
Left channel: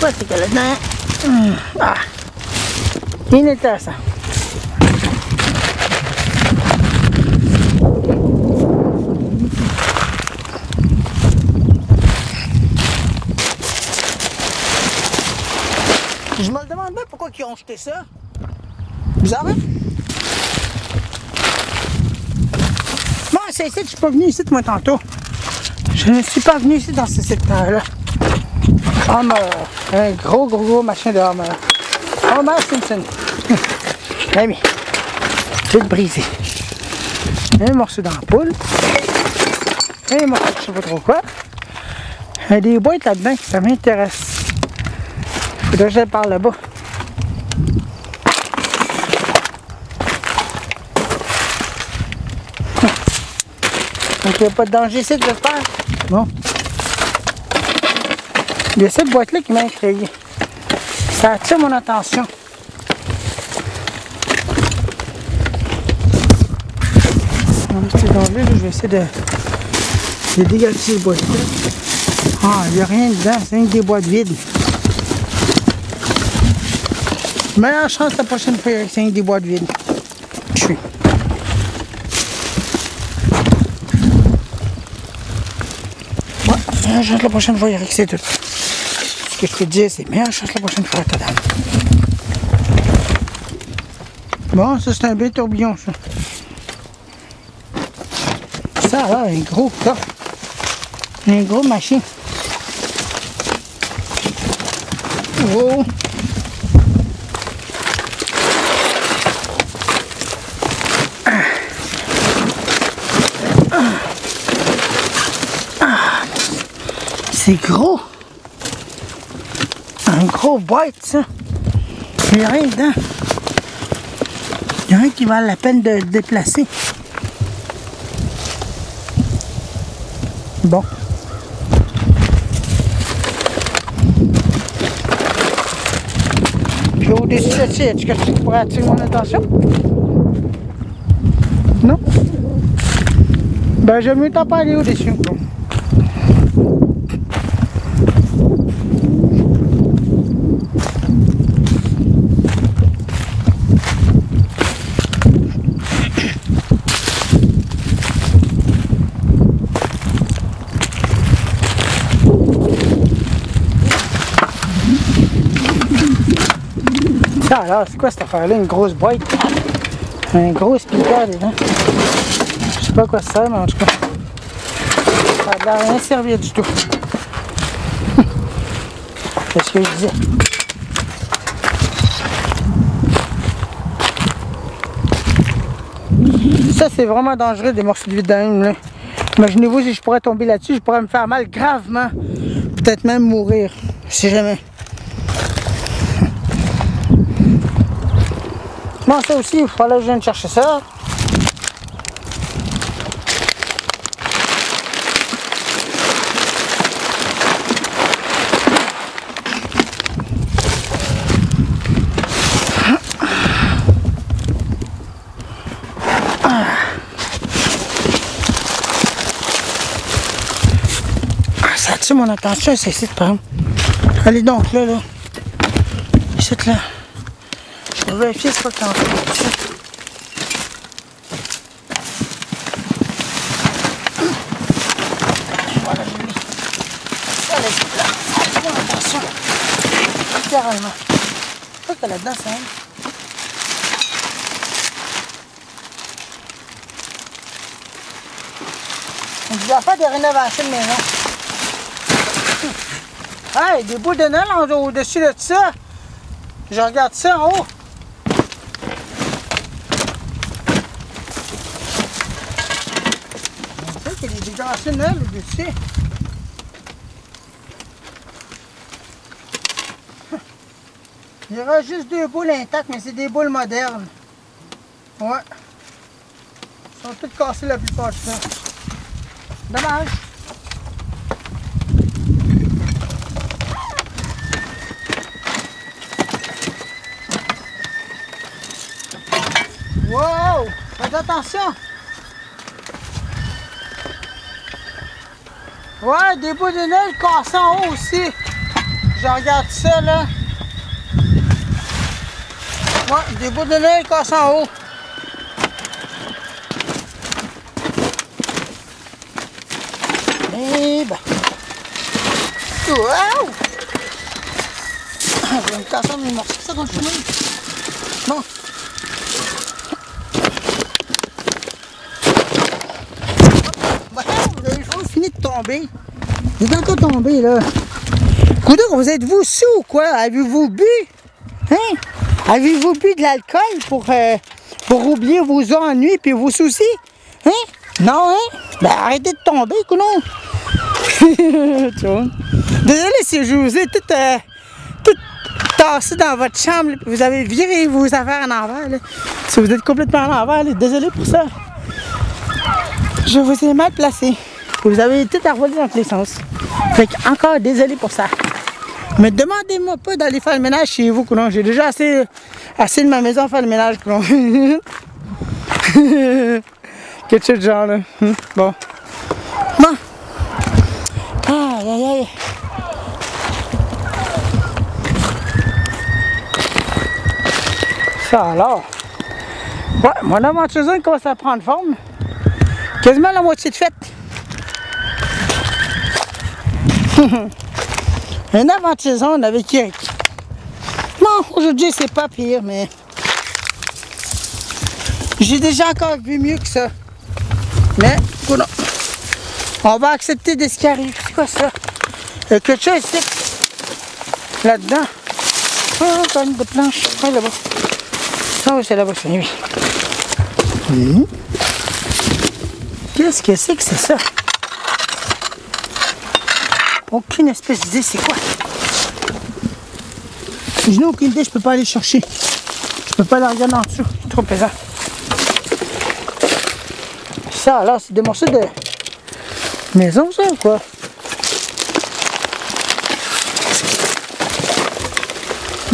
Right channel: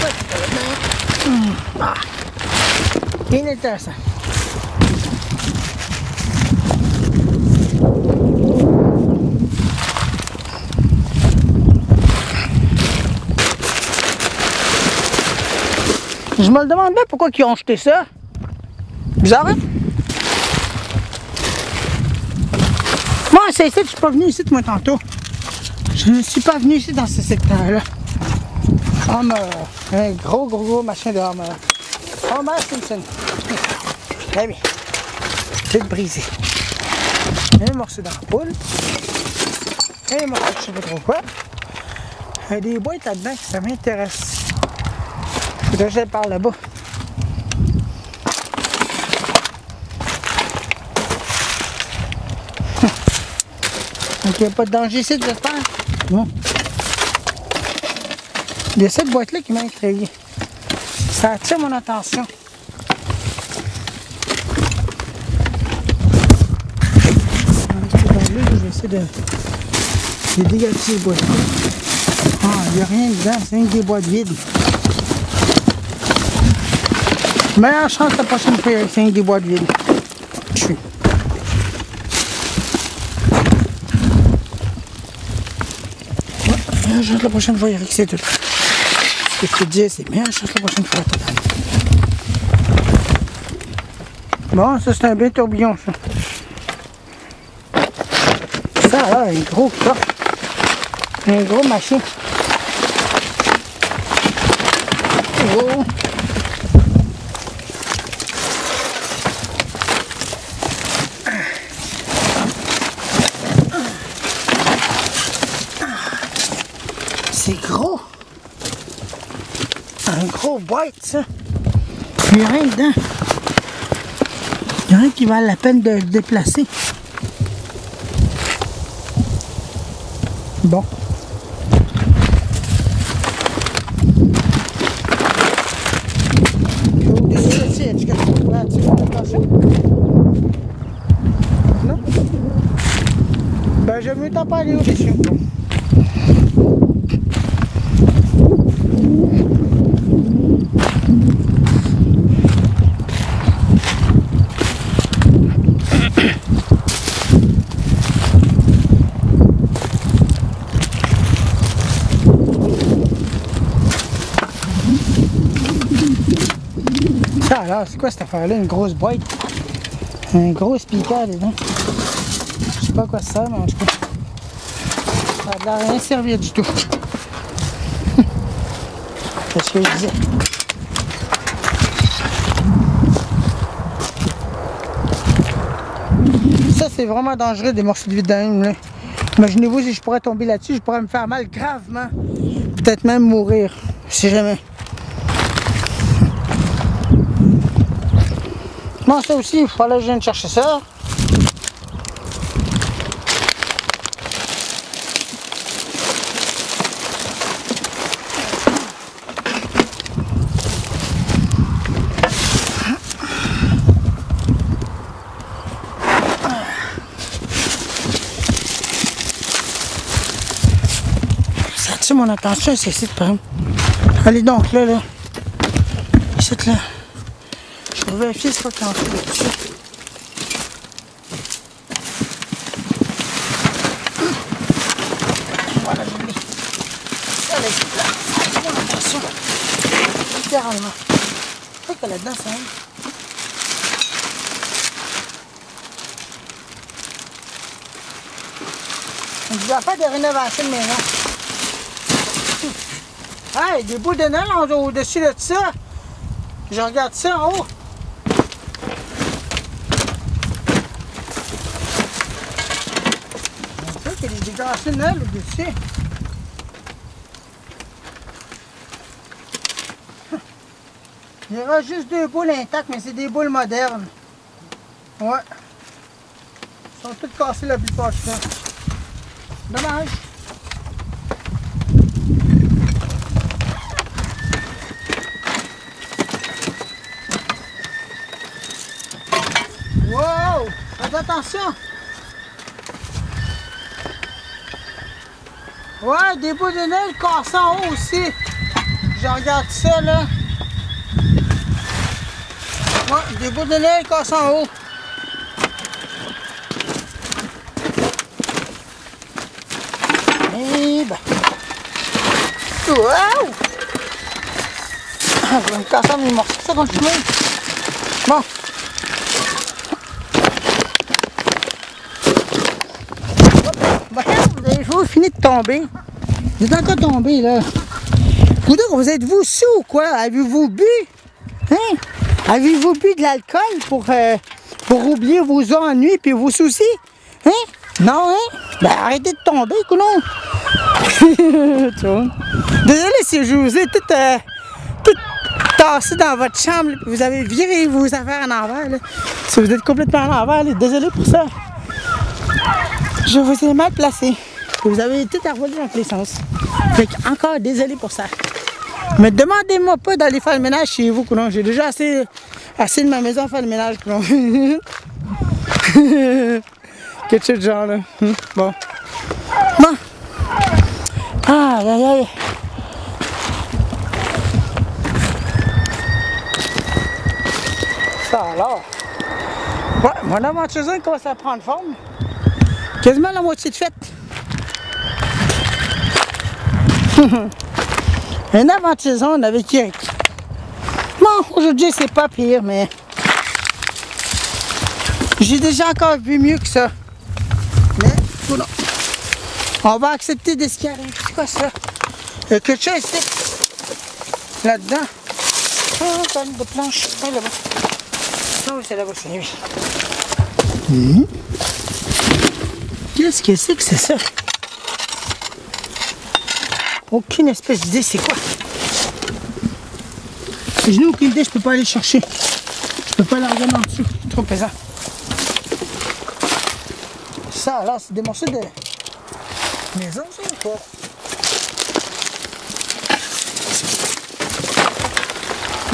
Quoi c'est qu'il y a là-dedans? Ah. Inintéressant. Je me le demande bien pourquoi ils ont jeté ça. Bizarre, hein? Moi, c'est ici que je suis pas venu ici, moi, tantôt. Je ne suis pas venu ici dans ce secteur-là. Oh non, un gros machin de Homer. Homer Simpson. Ami, tout brisé. Un morceau d'ampoule. Un morceau de je sais pas trop quoi. Il y a des boîtes là-dedans, ça m'intéresse. Là, je par là-bas. Donc, il n'y a pas de danger ici de le faire. Bon. C'est cette boîte-là qui m'a effrayé. Ça attire mon attention. Là, je vais essayer de dégager ces boîtes-là. Ah, il n'y a rien dedans, c'est une des boîtes vides. Meilleure chance la prochaine fois avec 5 des boîtes vides. Je suis. Ouais, meilleure chance la prochaine fois avec c'est tout. Ce que je te dis, c'est meilleure chance la prochaine fois, ta dame. Bon, ça c'est un bien tourbillon, ça. Ça va, un gros pas. Un gros machin. Oh! C'est gros! Un gros boîte, ça! Il n'y a rien dedans. Il n'y a rien qui vaut la peine de le déplacer. Bon. Puis au-dessus de ça, est-ce que tu pourrais attirer mon attention? Non? Ben, j'aime mieux t'en parler au-dessus. Alors, c'est quoi cette affaire-là? Une grosse boîte. Un gros speaker dedans. Je sais pas à quoi ça sert, mais en tout cas, ça va rien servir du tout. Qu'est-ce que je dis? Ça, c'est vraiment dangereux, des morceaux de vidange, là. Imaginez-vous si je pourrais tomber là-dessus, je pourrais me faire mal gravement. Peut-être même mourir, si jamais. Non, ça aussi, il fallait que je vienne chercher ça. mon attention, c'est ici, par exemple. Allez donc là, là. Ici, là. Je vais vérifier ce qu'il y a en fait. Voilà, je l'ai. Ça, là, c'est là. Fais attention. Littéralement. Je crois que là-dedans, c'est un. On doit faire des rénovations de maison. Hey, des bouts de neige au-dessus de ça. Je regarde ça en haut. On dirait qu'il y a des décorations de neige au-dessus. Il y aura juste 2 boules intactes, mais c'est des boules modernes. Ouais. Ils sont toutes cassées la plupart du temps. Dommage. Wow! Faites attention! Ouais, des bouts de neige cassés en haut aussi. Je regarde ça là. Ouais, des bouts de neige cassés en haut. Et ben. Wow! Je vais me casser mes morceaux, ça continue. Bon. Vous finissez de tomber. Il est encore tombé là. Coudon, vous êtes-vous sous ou quoi? Avez-vous bu? Hein? Avez-vous bu de l'alcool pour oublier vos ennuis et vos soucis? Hein? Non, hein? Ben arrêtez de tomber, coudon. Désolé si je vous ai tout tassé dans votre chambre, là, vous avez viré vos affaires en envers. Là. Si vous êtes complètement en envers, là, désolé pour ça. Je vous ai mal placé. Vous avez tout envolé dans tous les sens. Fait que encore désolé pour ça. Mais demandez-moi pas d'aller faire le ménage chez vous, coudon. J'ai déjà assez de ma maison à faire le ménage, coudon. Quelque chose de genre là. Bon. Bon. Aïe aïe aïe. Ça alors. Ouais, mon aventure zone commence à prendre forme. Quasiment la moitié de fête. Une aventure zone avec Eric. Bon, aujourd'hui c'est pas pire, mais j'ai déjà encore vu mieux que ça. Mais, coudonc. On va accepter de ce qui arrive. C'est quoi ça? Il y a quelque chose ici. Là-dedans. Oh, pas une de planche. Ah, là-bas. Ah oui, c'est là-bas, c'est lui. Qu'est-ce que c'est ça? Aucune espèce d'idée, c'est quoi? Je n'ai aucune idée, je peux pas aller chercher. Je peux pas la regarder en dessous. C'est trop pesant. Ça, là, c'est des morceaux de maison, ça, ou quoi?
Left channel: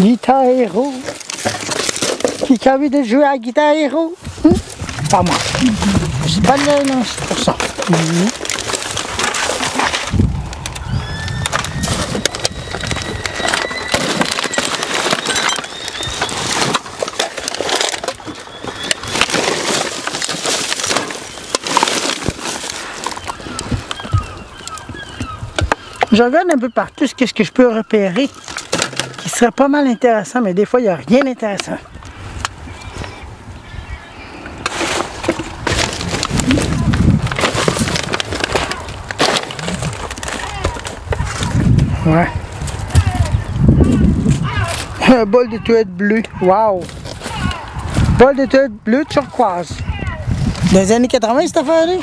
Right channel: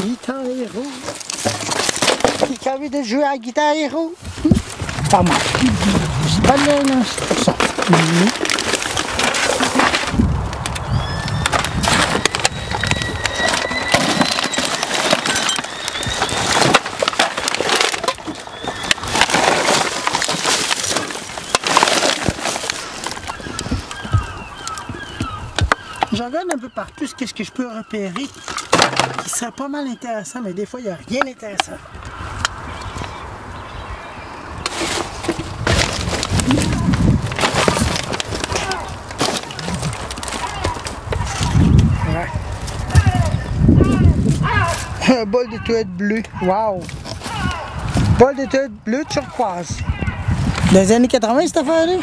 Guitare héros. Qui a envie de jouer à la guitare héros? Pas moi. Je sais pas de là, non, c'est pour ça. Je regarde un peu partout ce que je peux repérer qui serait pas mal intéressant, mais des fois il n'y a rien d'intéressant. Ouais. Un bol de toilette bleue. Wow! Bol de toilette bleue turquoise. Dans les années 80, cette affaire-là?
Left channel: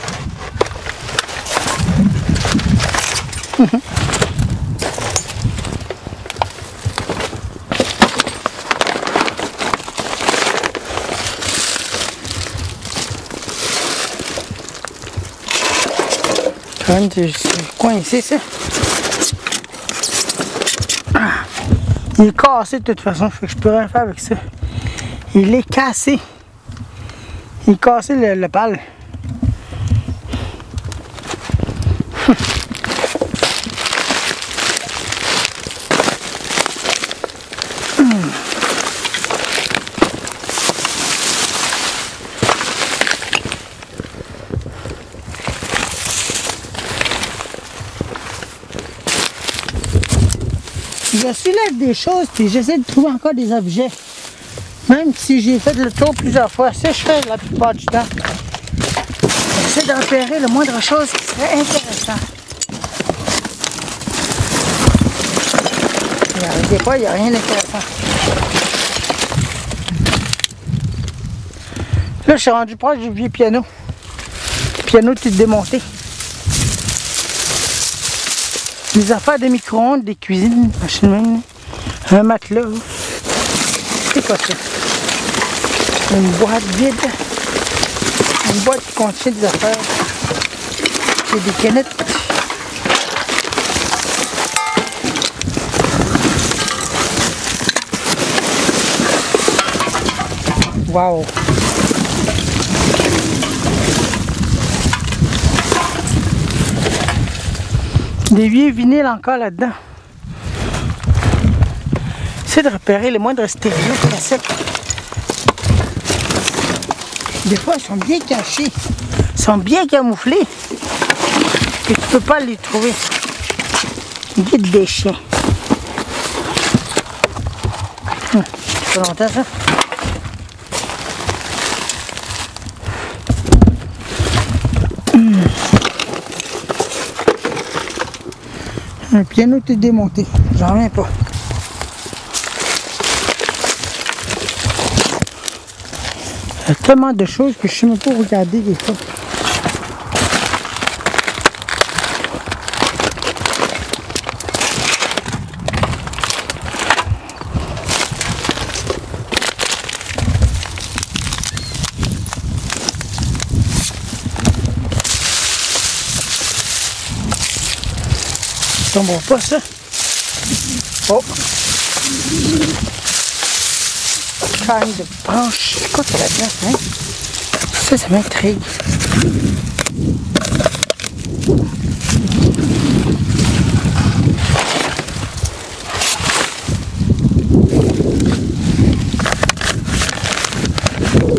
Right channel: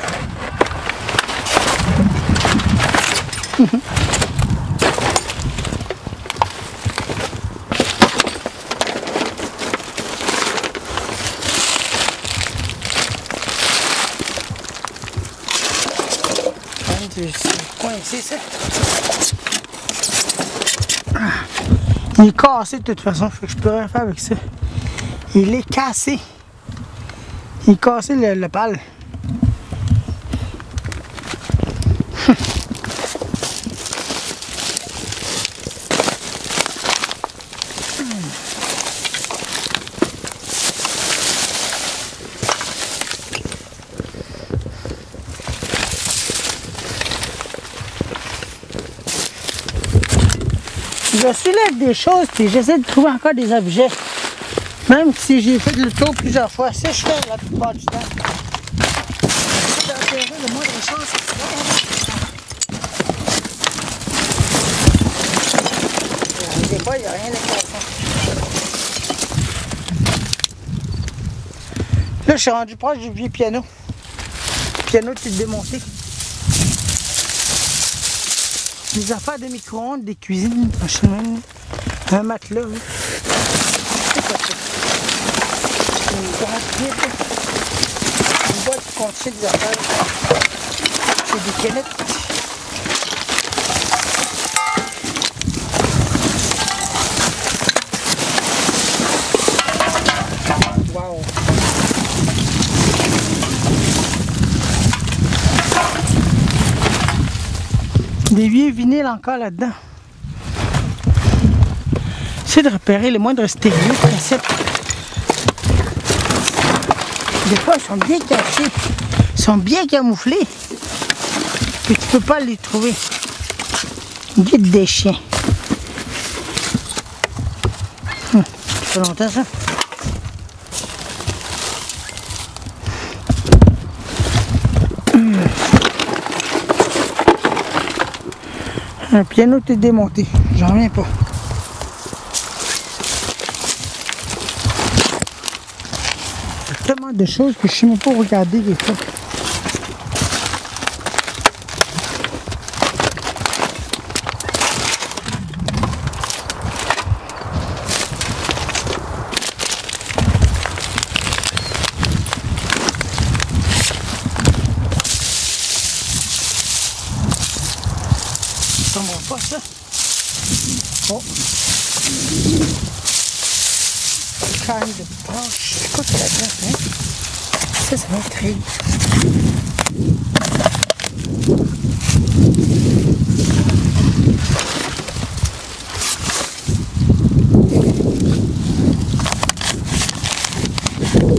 C'est coincé ça. Il est cassé de toute façon, fait que je peux rien faire avec ça. Il est cassé. Il est cassé le pal. Je soulève des choses puis j'essaie de trouver encore des objets. Même si j'ai fait le tour plusieurs fois, ça je fais la plupart du temps. J'essaie de repérer le moindre chose qui serait intéressant. Des fois, il n'y a rien d'intéressant. Là, je suis rendu proche du vieux piano. Le piano qui est démonté. Des affaires de micro-ondes, des cuisines, des chemins, un matelas. Oui. C'est pas ça. Une boîte vide. Une boîte qui contient des affaires. Et des canettes. Wow! Des vieux vinyles encore là-dedans. J'essaie de repérer les moindres stéréos comme ça. Des fois, ils sont bien cachés. Ils sont bien camouflés. Et tu peux pas les trouver. Guide des chiens. C'est longtemps ça? Le piano est démonté, j'en reviens pas. Il y a tellement de choses que je ne sais même pas regarder des fois. Ça tombera pas ça. Oh! Panne de branches. C'est quoi ça là-dedans? Hein? Ça m'intrigue.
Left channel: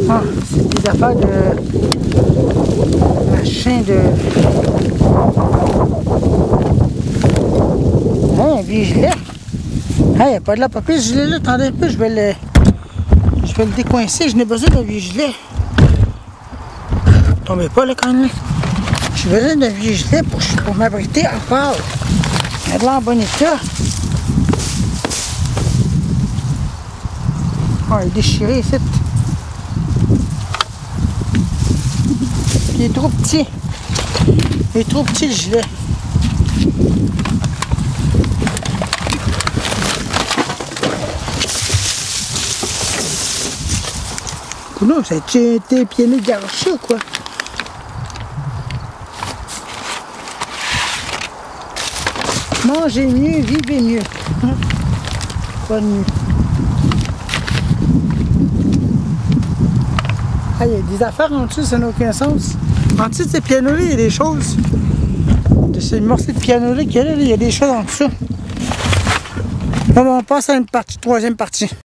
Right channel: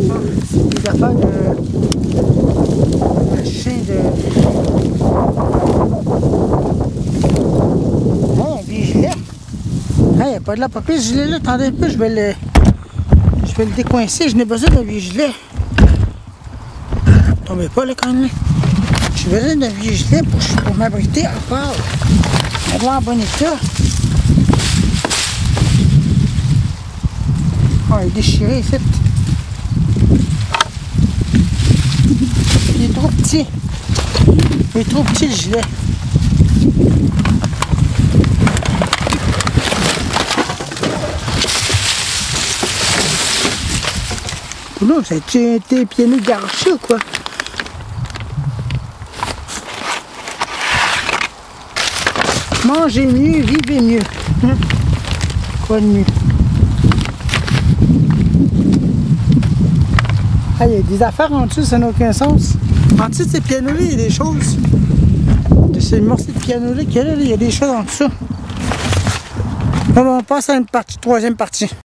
Ah, c'est des affaires de machin de. Il n'y a pas de la papier, ce gilet là, attendez un peu, je vais le décoincer, je n'ai besoin d'un vieux gilet. Tombez pas là quand même. J'ai besoin d'un vieux gilet pour m'abriter à part. Il a de l'air en bon état. Oh, il est déchiré ici. Il est trop petit. Il est trop petit le gilet. Non, ça a été piano garoché ou quoi? Mangez mieux, vivez mieux. Quoi de mieux? Ah, il y a des affaires en dessous, ça n'a aucun sens. En dessous de ces pianos-là, il y a des choses. De ces morceaux de piano-là qu'il y a là, il y a des choses en dessous. Bon, on passe à une partie, troisième partie.